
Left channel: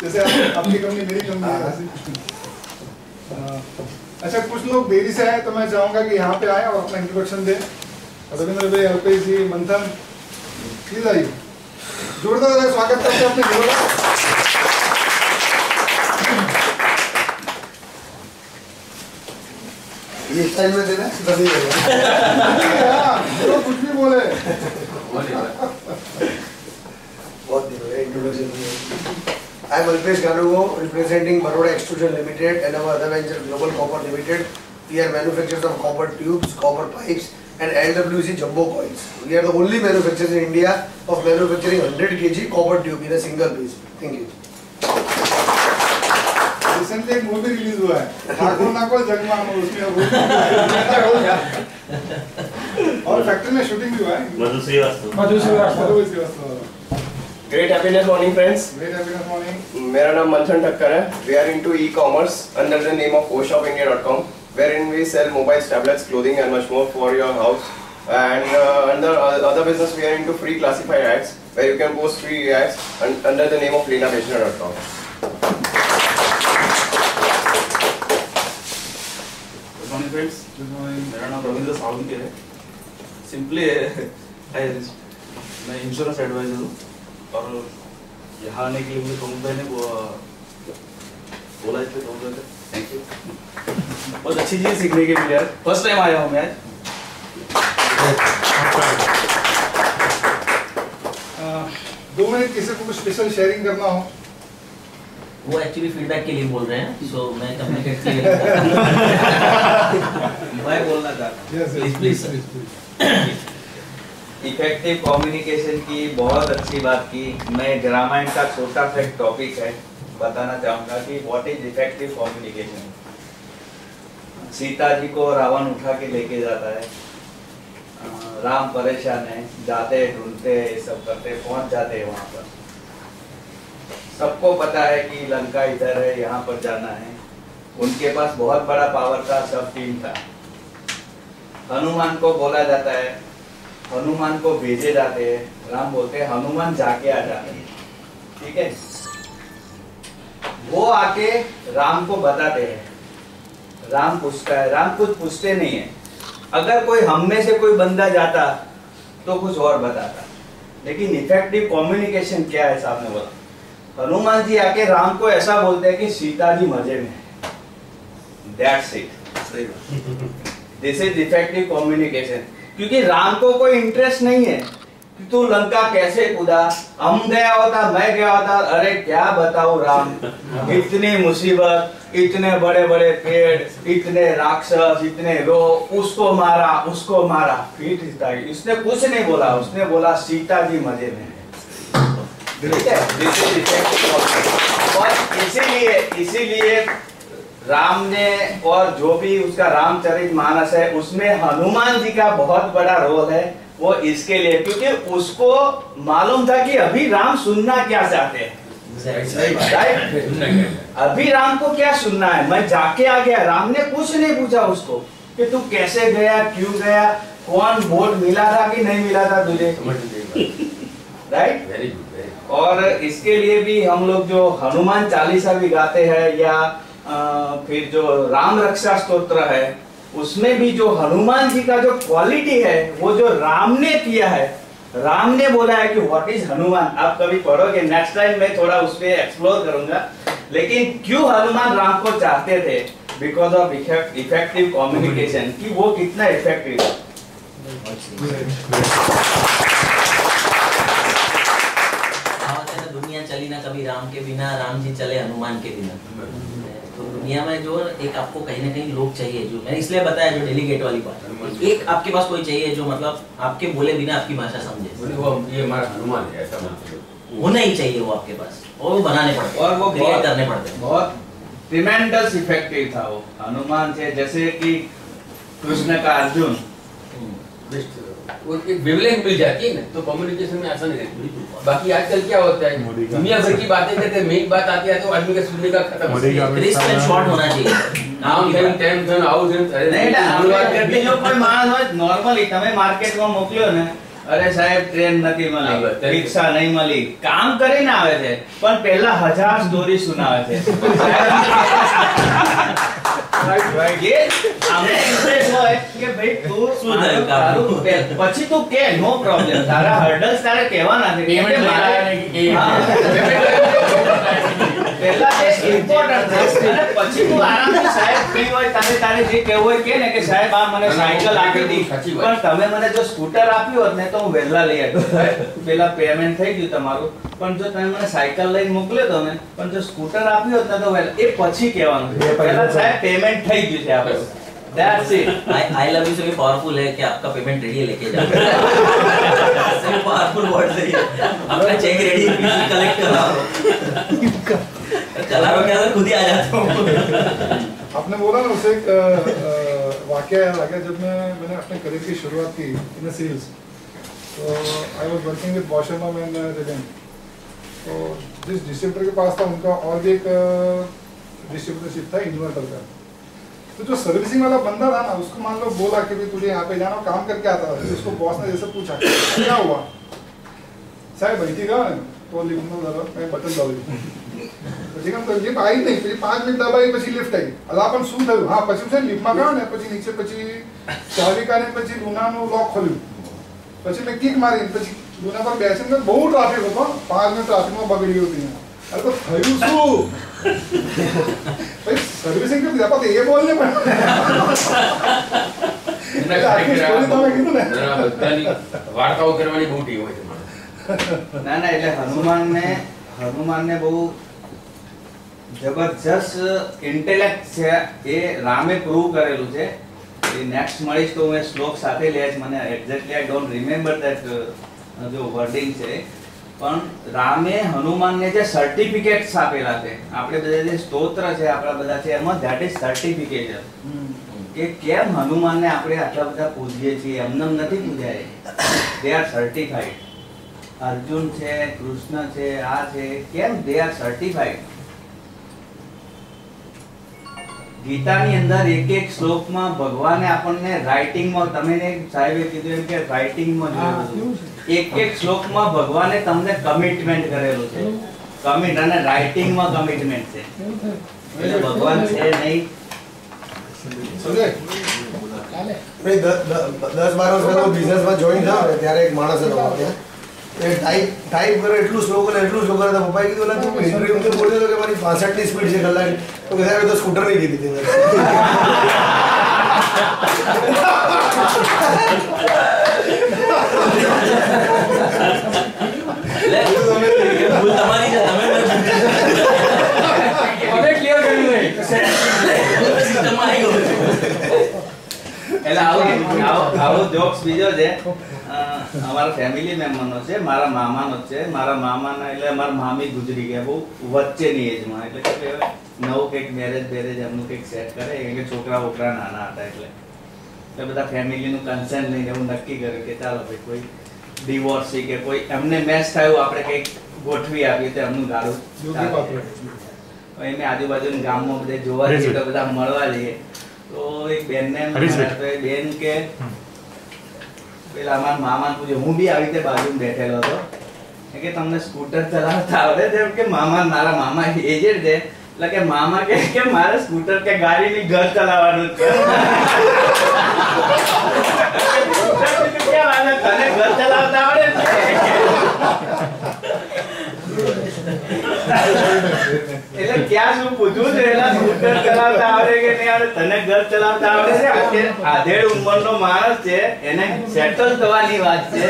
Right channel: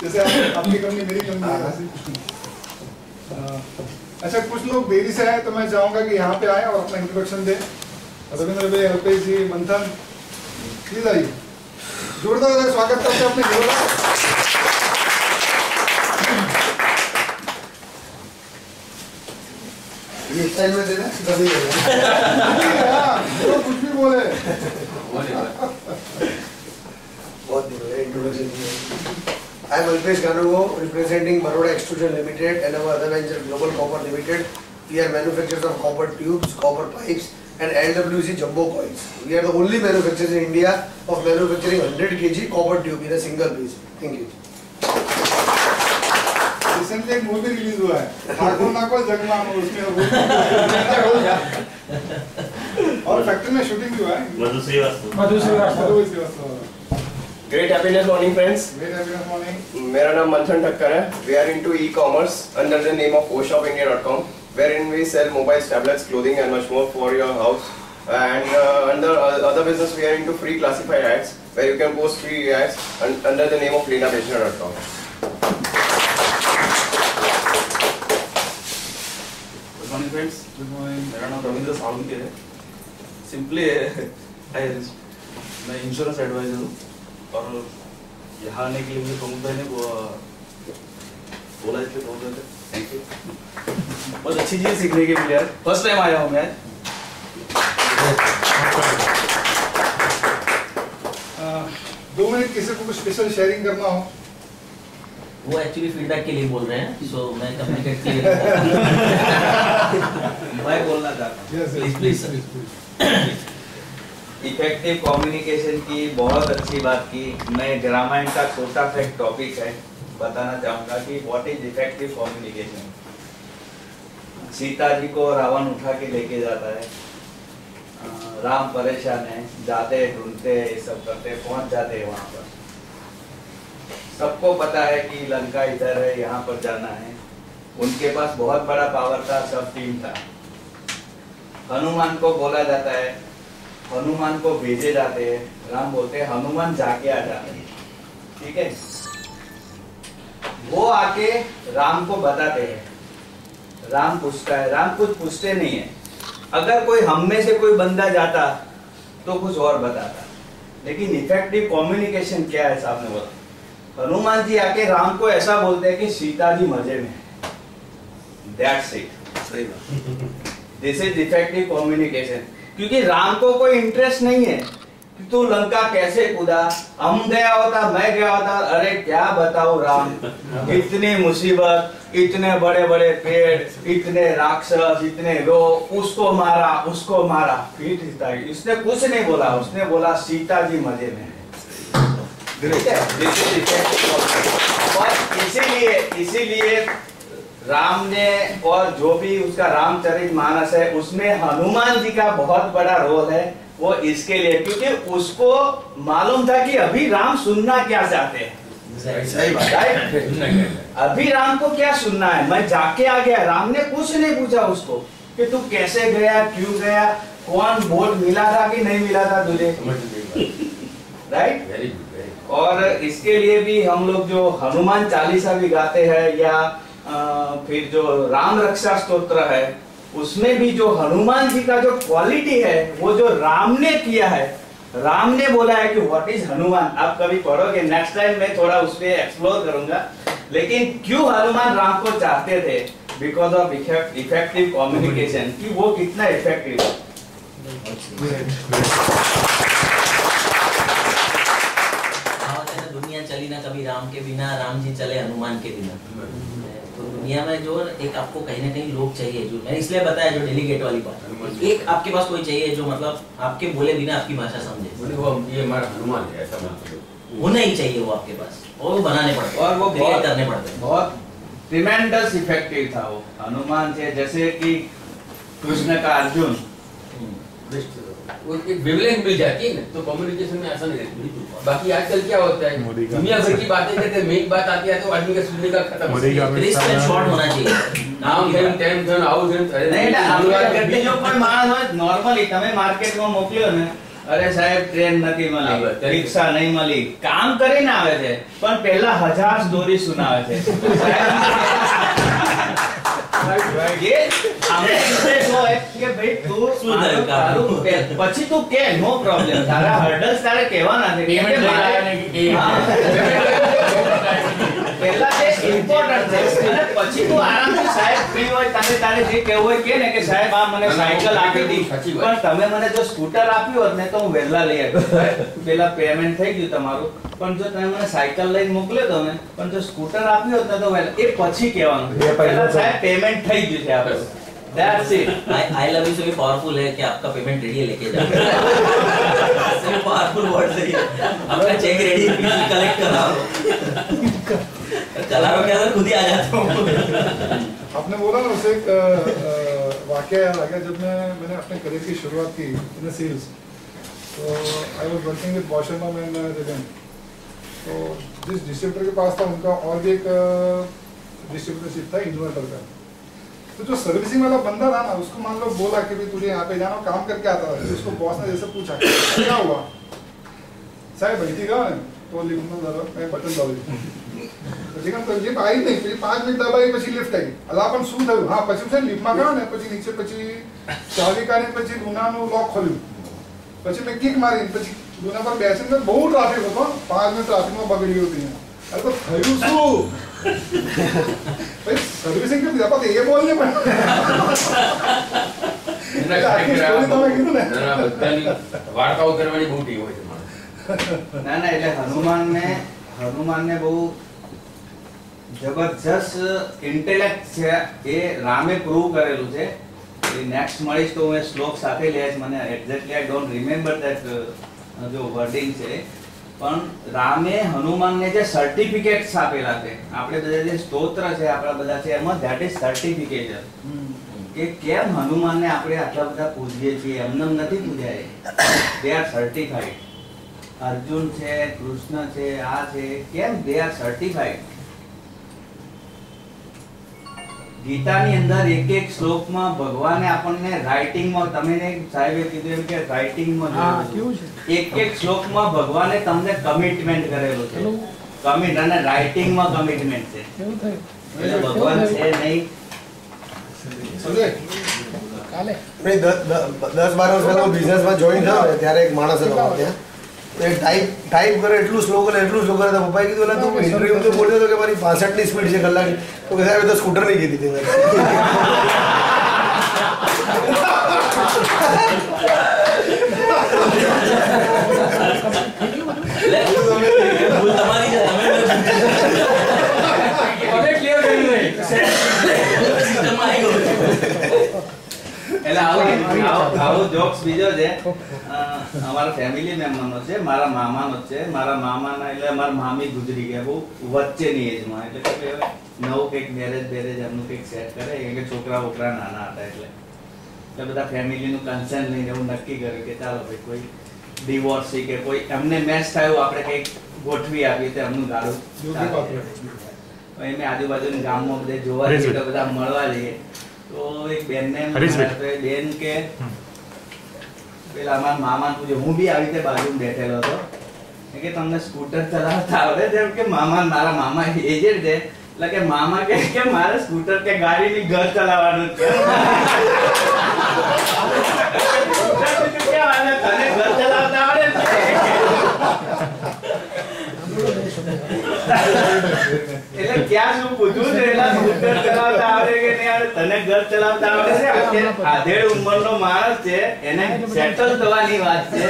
जैसे आपकी कंपनी मेरी कंपनी है। अच्छा कुछ लोग देरी से आए तो मैं चाहूंगा कि यहाँ पे आए और अपना इंट्रोडक्शन दें। रविंद्र भाई, अल्पेश जी, मंथन, प्लीज आइए। जोरदार स्वागत करते हैं अपने जोरदार। ये स्टाइल में देना तभी तो कुछ भी बोले बहुत दिन हो गए introduction. I am Alpesh Ganugo, representing Baroda Extrusion Limited and our other venture Global Copper Limited. We are manufacturers of copper tubes, copper pipes and LWC jumbo coils. We are the only manufacturers in India of manufacturing 100 kg copper tube in a single piece. Thank you. Recently एक मूवी रिलीज हुआ है ठाकुर नाकुर जगमान, उसमें और फैक्ट्री में शूटिंग भी हुआ है। मधु Srivastava. Great happiness morning friends. Great happiness morning. मेरा नाम मंथन ठक्कर है. We are into e-commerce under the name of oshopindia.com, wherein we sell mobiles, tablets, clothing and much more for your house. And under other business we are into free classified ads, where you can post free ads under the name of leenabeshna.com. Good morning friends. Good morning. मेरा नाम रविंद्र सावंत है. सिंपली मैं इंश्योरेंस एडवाइजर हूँ और यहाँ आने के लिए मुझे प्रमुख भाई ने बोला इसलिए बहुत ज़्यादा थैंक यू। बहुत अच्छी चीज़ सीखने के लिए फर्स्ट टाइम आया हूँ मैं। 2 मिनट किसी को कुछ स्पेशल शेयरिंग करना हो। वो एक्चुअली फीडबैक के लिए बोल रहे हैं, सो मैं कम्युनिकेट के लिए मैं बोलना चाहता हूँ। Please please. इफेक्टिव कम्युनिकेशन की बहुत अच्छी बात की। मैं रामायण का छोटा सा एक टॉपिक है बताना चाहूँगा कि what is effective communication. Sita ji को रावण उठा के लेके जाता है, राम परेशान है, जाते ढूंढते ये सब करते, पहुंच जाते हैं वहाँ पर। सबको पता है कि लंका इधर है, यहाँ पर जाना है। उनके पास बहुत बड़ा पावर था, सब टीम था, हनुमान को बोला जाता है, हनुमान को भेजे जाते हैं, राम बोलते हैं हनुमान जाके आ जाते हैं, ठीक है। वो आके राम को बताते हैं, राम पूछता है, राम कुछ पूछते नहीं है। अगर कोई हम में से कोई बंदा जाता तो कुछ और बताता, लेकिन इफेक्टिव कम्युनिकेशन क्या है साहब ने बोला, हनुमान जी आके राम को ऐसा बोलते हैं कि सीता जी मजे में है, दैट्स इट। सही बात। This is effective communication. क्योंकि राम को कोई इंटरेस्ट नहीं है कि तू लंका कैसे कूदा, हम गया होता, मैं गया होता, अरे क्या बताऊं राम, इतनी मुसीबत, इतने बड़े बड़े पेड़, इतने राक्षस, इतने लोग, उसको मारा, फिर इसने कुछ नहीं बोला, उसने बोला सीता जी मजे में है, ठीक है। This is effective communication। और इसीलिए राम ने, और जो भी उसका रामचरितमानस है उसमें हनुमान जी का बहुत बड़ा रोल है, वो इसके लिए क्योंकि उसको मालूम था कि अभी राम सुनना क्या चाहते हैं, राइट। अभी राम को क्या सुनना है, मैं जाके आ गया, राम ने कुछ नहीं पूछा उसको कि तू कैसे गया, क्यों गया, कौन वोट मिला था कि नहीं मिला था तुझे, राइट। और इसके लिए भी हम लोग जो हनुमान चालीसा भी गाते हैं या फिर जो राम रक्षा स्तोत्र है, उसमें भी जो हनुमान जी का जो क्वालिटी है वो जो राम ने किया है, राम ने बोला है कि व्हाट इज हनुमान, आप कभी पढ़ोगे, नेक्स्ट टाइम मैं थोड़ा उस पे एक्सप्लोर करूंगा, लेकिन क्यों हनुमान राम को चाहते थे, बिकॉज ऑफ इफेक्टिव कम्युनिकेशन, कि वो कितना इफेक्टिव है। दुनिया चली ना कभी राम के बिना, राम जी चले हनुमान के बिना। तो दुनिया में जो एक आपको कहीं ना कहीं लोग चाहिए, जो मैंने इसलिए बताया जो डेलीगेट वाली बात, एक आपके पास कोई चाहिए जो मतलब आपके बोले बिना आपकी भाषा समझे, वो ये हमारा हनुमान है, ऐसा मतलब होना ही चाहिए वो आपके पास, और वो बनाने पड़ते और वो क्रिएट करने पड़ते हैं। बहुत ट्रिमेंडस इफेक्टिव था वो हनुमान से, जैसे कि कृष्ण का अर्जुन, वो एक वेवलेंथ मिल जाती है ना, तो कम्युनिकेशन में आसान रहती है। बाकी आजकल क्या होता है, दुनिया भर की बातें करते हैं, मेन बात आती है तो आदमी का सुनने का खत्म हो गया। क्रिस्प एंड शॉर्ट होना चाहिए। नाम टेम आउट नहीं બીજો કોઈ માણસ હોય નોર્મલી તમે માર્કેટમાં મોકલ્યો ને, અરે સાહેબ ટ્રેન નથી મળી, રિક્ષા નહીં મળી, કામ કરીને આવે છે પણ પહેલા 1000 સ્ટોરી સુનાવે છે। ये हमें इंटरेस्ट હોય કે ભાઈ તું તારું પછી તું કે નો પ્રોબ્લેમ, તારા હર્ડલ્સ તારે કહેવાના છે, પેમેન્ટ પહેલા તે ઇમ્પોર્ટન્ટ છે અને પછી તું આરામથી સાહેબ ફ્રી હોય તારે તારે જે કહેવું હોય કે ને કે સાહેબ આ મને સાયકલ આપી દી, પણ તમે મને જો સ્કૂટર આપ્યું હોત ને તો હું વહેલા લઈ આવ્યો, પેલા પેમેન્ટ થઈ ગયું તમારું, પણ જો તમે મને સાયકલ લઈને મોકલ્યો તો ને, પણ જો સ્કૂટર આપ્યું હોત ને તો વહેલા, એ પછી કહેવાનું પહેલા સાહેબ પેમેન્ટ થઈ ગયું છે આપણે, that's it. I love you से भी पावरफुल है कि आपका पेमेंट रेडी है लेके जाओ। सिर्फ पावरफुल वर्ड से ही आपका चेक रेडी है, कलेक्ट करा चला रो क्या खुद ही आ जाता हूँ। आपने बोला ना उसे एक वाकया याद आ गया, जब मैंने अपने करियर की शुरुआत की इन सेल्स, तो I was working with Bosch and man Reliance, तो जिस डिस्ट्रीब्यूटर के पास था उनका और भी एक डिस्ट्रीब्यूटरशिप था इन्वर्टर का, तो जो सर्विसिंग वाला बंदा था ना, उसको मान लो बोला कि भाई तुझे यहाँ पे जाना, काम करके आता था, तो उसको बॉस ने जैसे पूछा क्या हुआ साहब बैठी का, तो लिफ्ट में जरा मैं बटन दबाई, પછી કામ તો લિફ્ટ આવી નહીં, પછી 5 મિનિટ દબાઈ પછી લિફ્ટ આવી, અલા પણ શું થયું, હા પછી છે લિફ્ટમાં ગયો ને, પછી નીચે પછી ચાવી કાઢીને પછી લૂનાનું લોક ખોલ્યું, પછી મેં કિક મારી, પછી લૂના પર બેસીને બહુ ટ્રાફિક હતો, 5 મિનિટ ટ્રાફિકમાં બગડી ગયું હતું, અરે તો થયું શું ભાઈ, સર્વિસિંગ કેમ દીધા પણ એ બોલને પણ આખી સ્ટોરી તમે કીધું ને, બધાની વાર્તાઓ કરવાની બહુ ટીમ હોય છે માણસ। ના ના, એટલે હનુમાનને બહુ જબરજસ્ત ઇન્ટેલેક્ટ છે, એ રામે પ્રૂવ કરેલું છે। નેક્સ્ટ મળીશ તો હું એ શ્લોક સાથે લઈશ, મને exactly I don't remember that જો વર્ડિંગ છે, પણ રામે હનુમાનને જે સર્ટિફિકેટ્સ આપેલા છે, આપણે બધા જે સ્તોત્ર છે આપણા બધા છે એમાં ધેટ ઇઝ સર્ટિફિકેશન, કે કેમ હનુમાનને આપણે આટલા બધા પૂજીએ છીએ, એમને નથી પૂજાય, દે આર સર્ટિફાઈડ। अर्जुन છે, કૃષ્ણ છે, આ છે, કેમ દે આર સર્ટિફાઈડ? ગીતાની અંદર એક એક શ્લોકમાં ભગવાને આપણને રાઇટિંગમાં તમે સાહેબે કીધું એમ કે રાઇટિંગમાં જોયેલું એક એક શ્લોકમાં ભગવાને તમને કમિટમેન્ટ કરેલું છે કમિટ અને રાઇટિંગમાં કમિટમેન્ટ છે એટલે ભગવાન છે નહીં મેં 10-12 વર્ષ પહેલા બિઝનેસમાં જોઈન થયો ને ત્યારે એક માણસ હતો ત્યાં એ ટાઈપ કરે એટલું સ્લો કરે તો પપ્પાએ કીધું એટલે તું ઇન્ટરવ્યુ તો બોલ્યો હતો કે મારી 65ની સ્પીડ છે કલાક તો કે સાહેબ તો સ્કૂટર નહીં કીધી હતી તમારી છે તમે ક્લિયર કર્યું નહીં સિસ્ટમમાં આવી ગયું એટલે આવો જોક્સ બીજો છે અમારા ફેમિલી મેમ્બરનો છે મારા મામાનો છે મારા મામાના એટલે મારા મામી ગુજરી ગયા બહુ વચ્ચેની એજમાં એટલે કે નવું કંઈક મેરેજ એમનું કંઈક સેટ કરે કે છોકરા બોકરા નાના હતા એટલે બધા ફેમિલીનું કન્સર્ન લઈને એવું નક્કી કર્યું કે ચાલો ભાઈ કોઈ ડિવોર્સી કે કોઈ એમને મેચ થયું આપણે કંઈક ગોઠવી આપીએ તો એમનું ગાડું એમને આજુબાજુના ગામમાં બધે જોવા જઈએ તો બધા મળવા જઈએ તો એક બેનને તો એ બેન કે પેલા અમારા મામાને પૂછ્યું હું બી આવી રીતે બાજુમાં બેઠેલો હતો કે તમને સ્કૂટર ચલાવતા આવડે જેમ કે મારા મામા એજેડ છે એટલે કે મામા કે મારે સ્કૂટર કે ગાડીની ઘર ચલાવવાનું છે તને ઘર ચલાવતા આવડે એટલે ક્યાં શું પૂછવું છે એલા સ્કૂટર ચલાવતા આવડે કે નહીં આવડે તને ઘર ચલાવતા આવડે છે અત્યારે આધેડ ઉંમરનો માણસ છે એને સેટલ થવાની વાત છે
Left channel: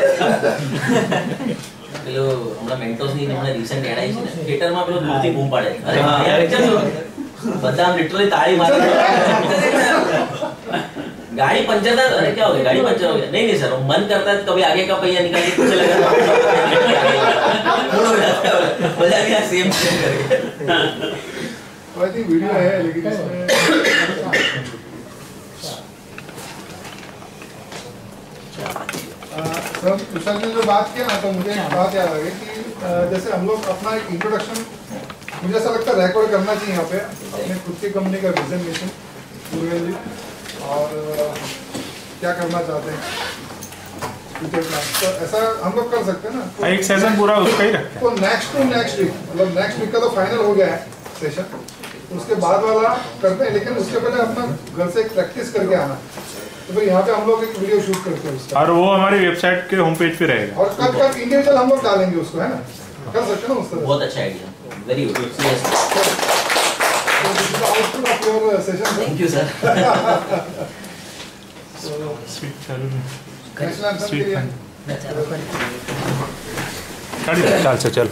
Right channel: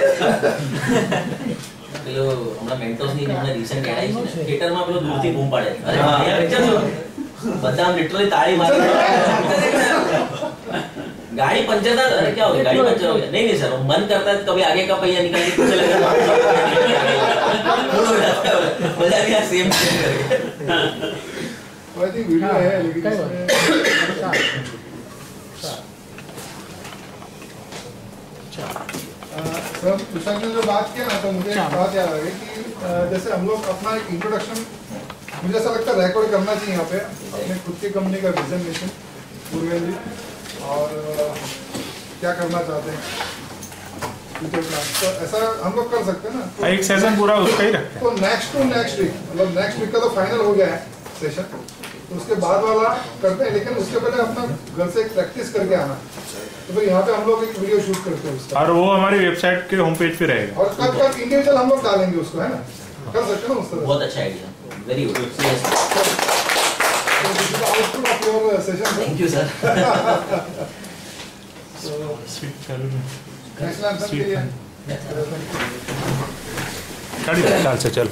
પેલો હમણાં મેન્ટોસની હમણાં રિસન્ટ એડ આવી છે ને થિયેટરમાં પેલો દૂરથી બૂમ પાડે અરે ભૈયા પિક્ચર જો બધા લિટરલી તાળી મારે गाड़ी पंचर था अरे क्या हो गया गाड़ी पंचर हो गया नहीं सर मन करता है कभी आगे का पहिया निकाल के पीछे लगा मजा भी सेम करके आई थिंक वीडियो है लेकिन इसमें सर तुषार ने जो बात किया ना तो मुझे एक बात याद आ गई कि जैसे हम लोग अपना एक इंट्रोडक्शन मुझे ऐसा लगता है रिकॉर्ड करना चाहिए यहाँ पे अपने खुद की कंपनी का विजन मिशन पूर्वेल जी और क्या करना चाहते हैं फ्यूचर प्लान तो ऐसा हम लोग कर सकते हैं ना तो एक सेशन पूरा उसका ही रखते तो नेक्स्ट वीक मतलब नेक्स्ट वीक का तो फाइनल हो गया है सेशन तो उसके बाद वाला करते हैं लेकिन उसके पहले अपना घर से एक प्रैक्टिस करके आना तो फिर यहाँ पे हम लोग एक वीडियो शूट करते हैं उसका और वो हमारी वेबसाइट के होम पेज पे रहेगा और कब इंडिविजुअल हम लोग डालेंगे उसको है ना कर सकते हैं ना उस तरह बहुत अच्छा idea very good output of your session thank you sir sweet चालू नेशनल एंथम के लिए गाड़ी चाल से चल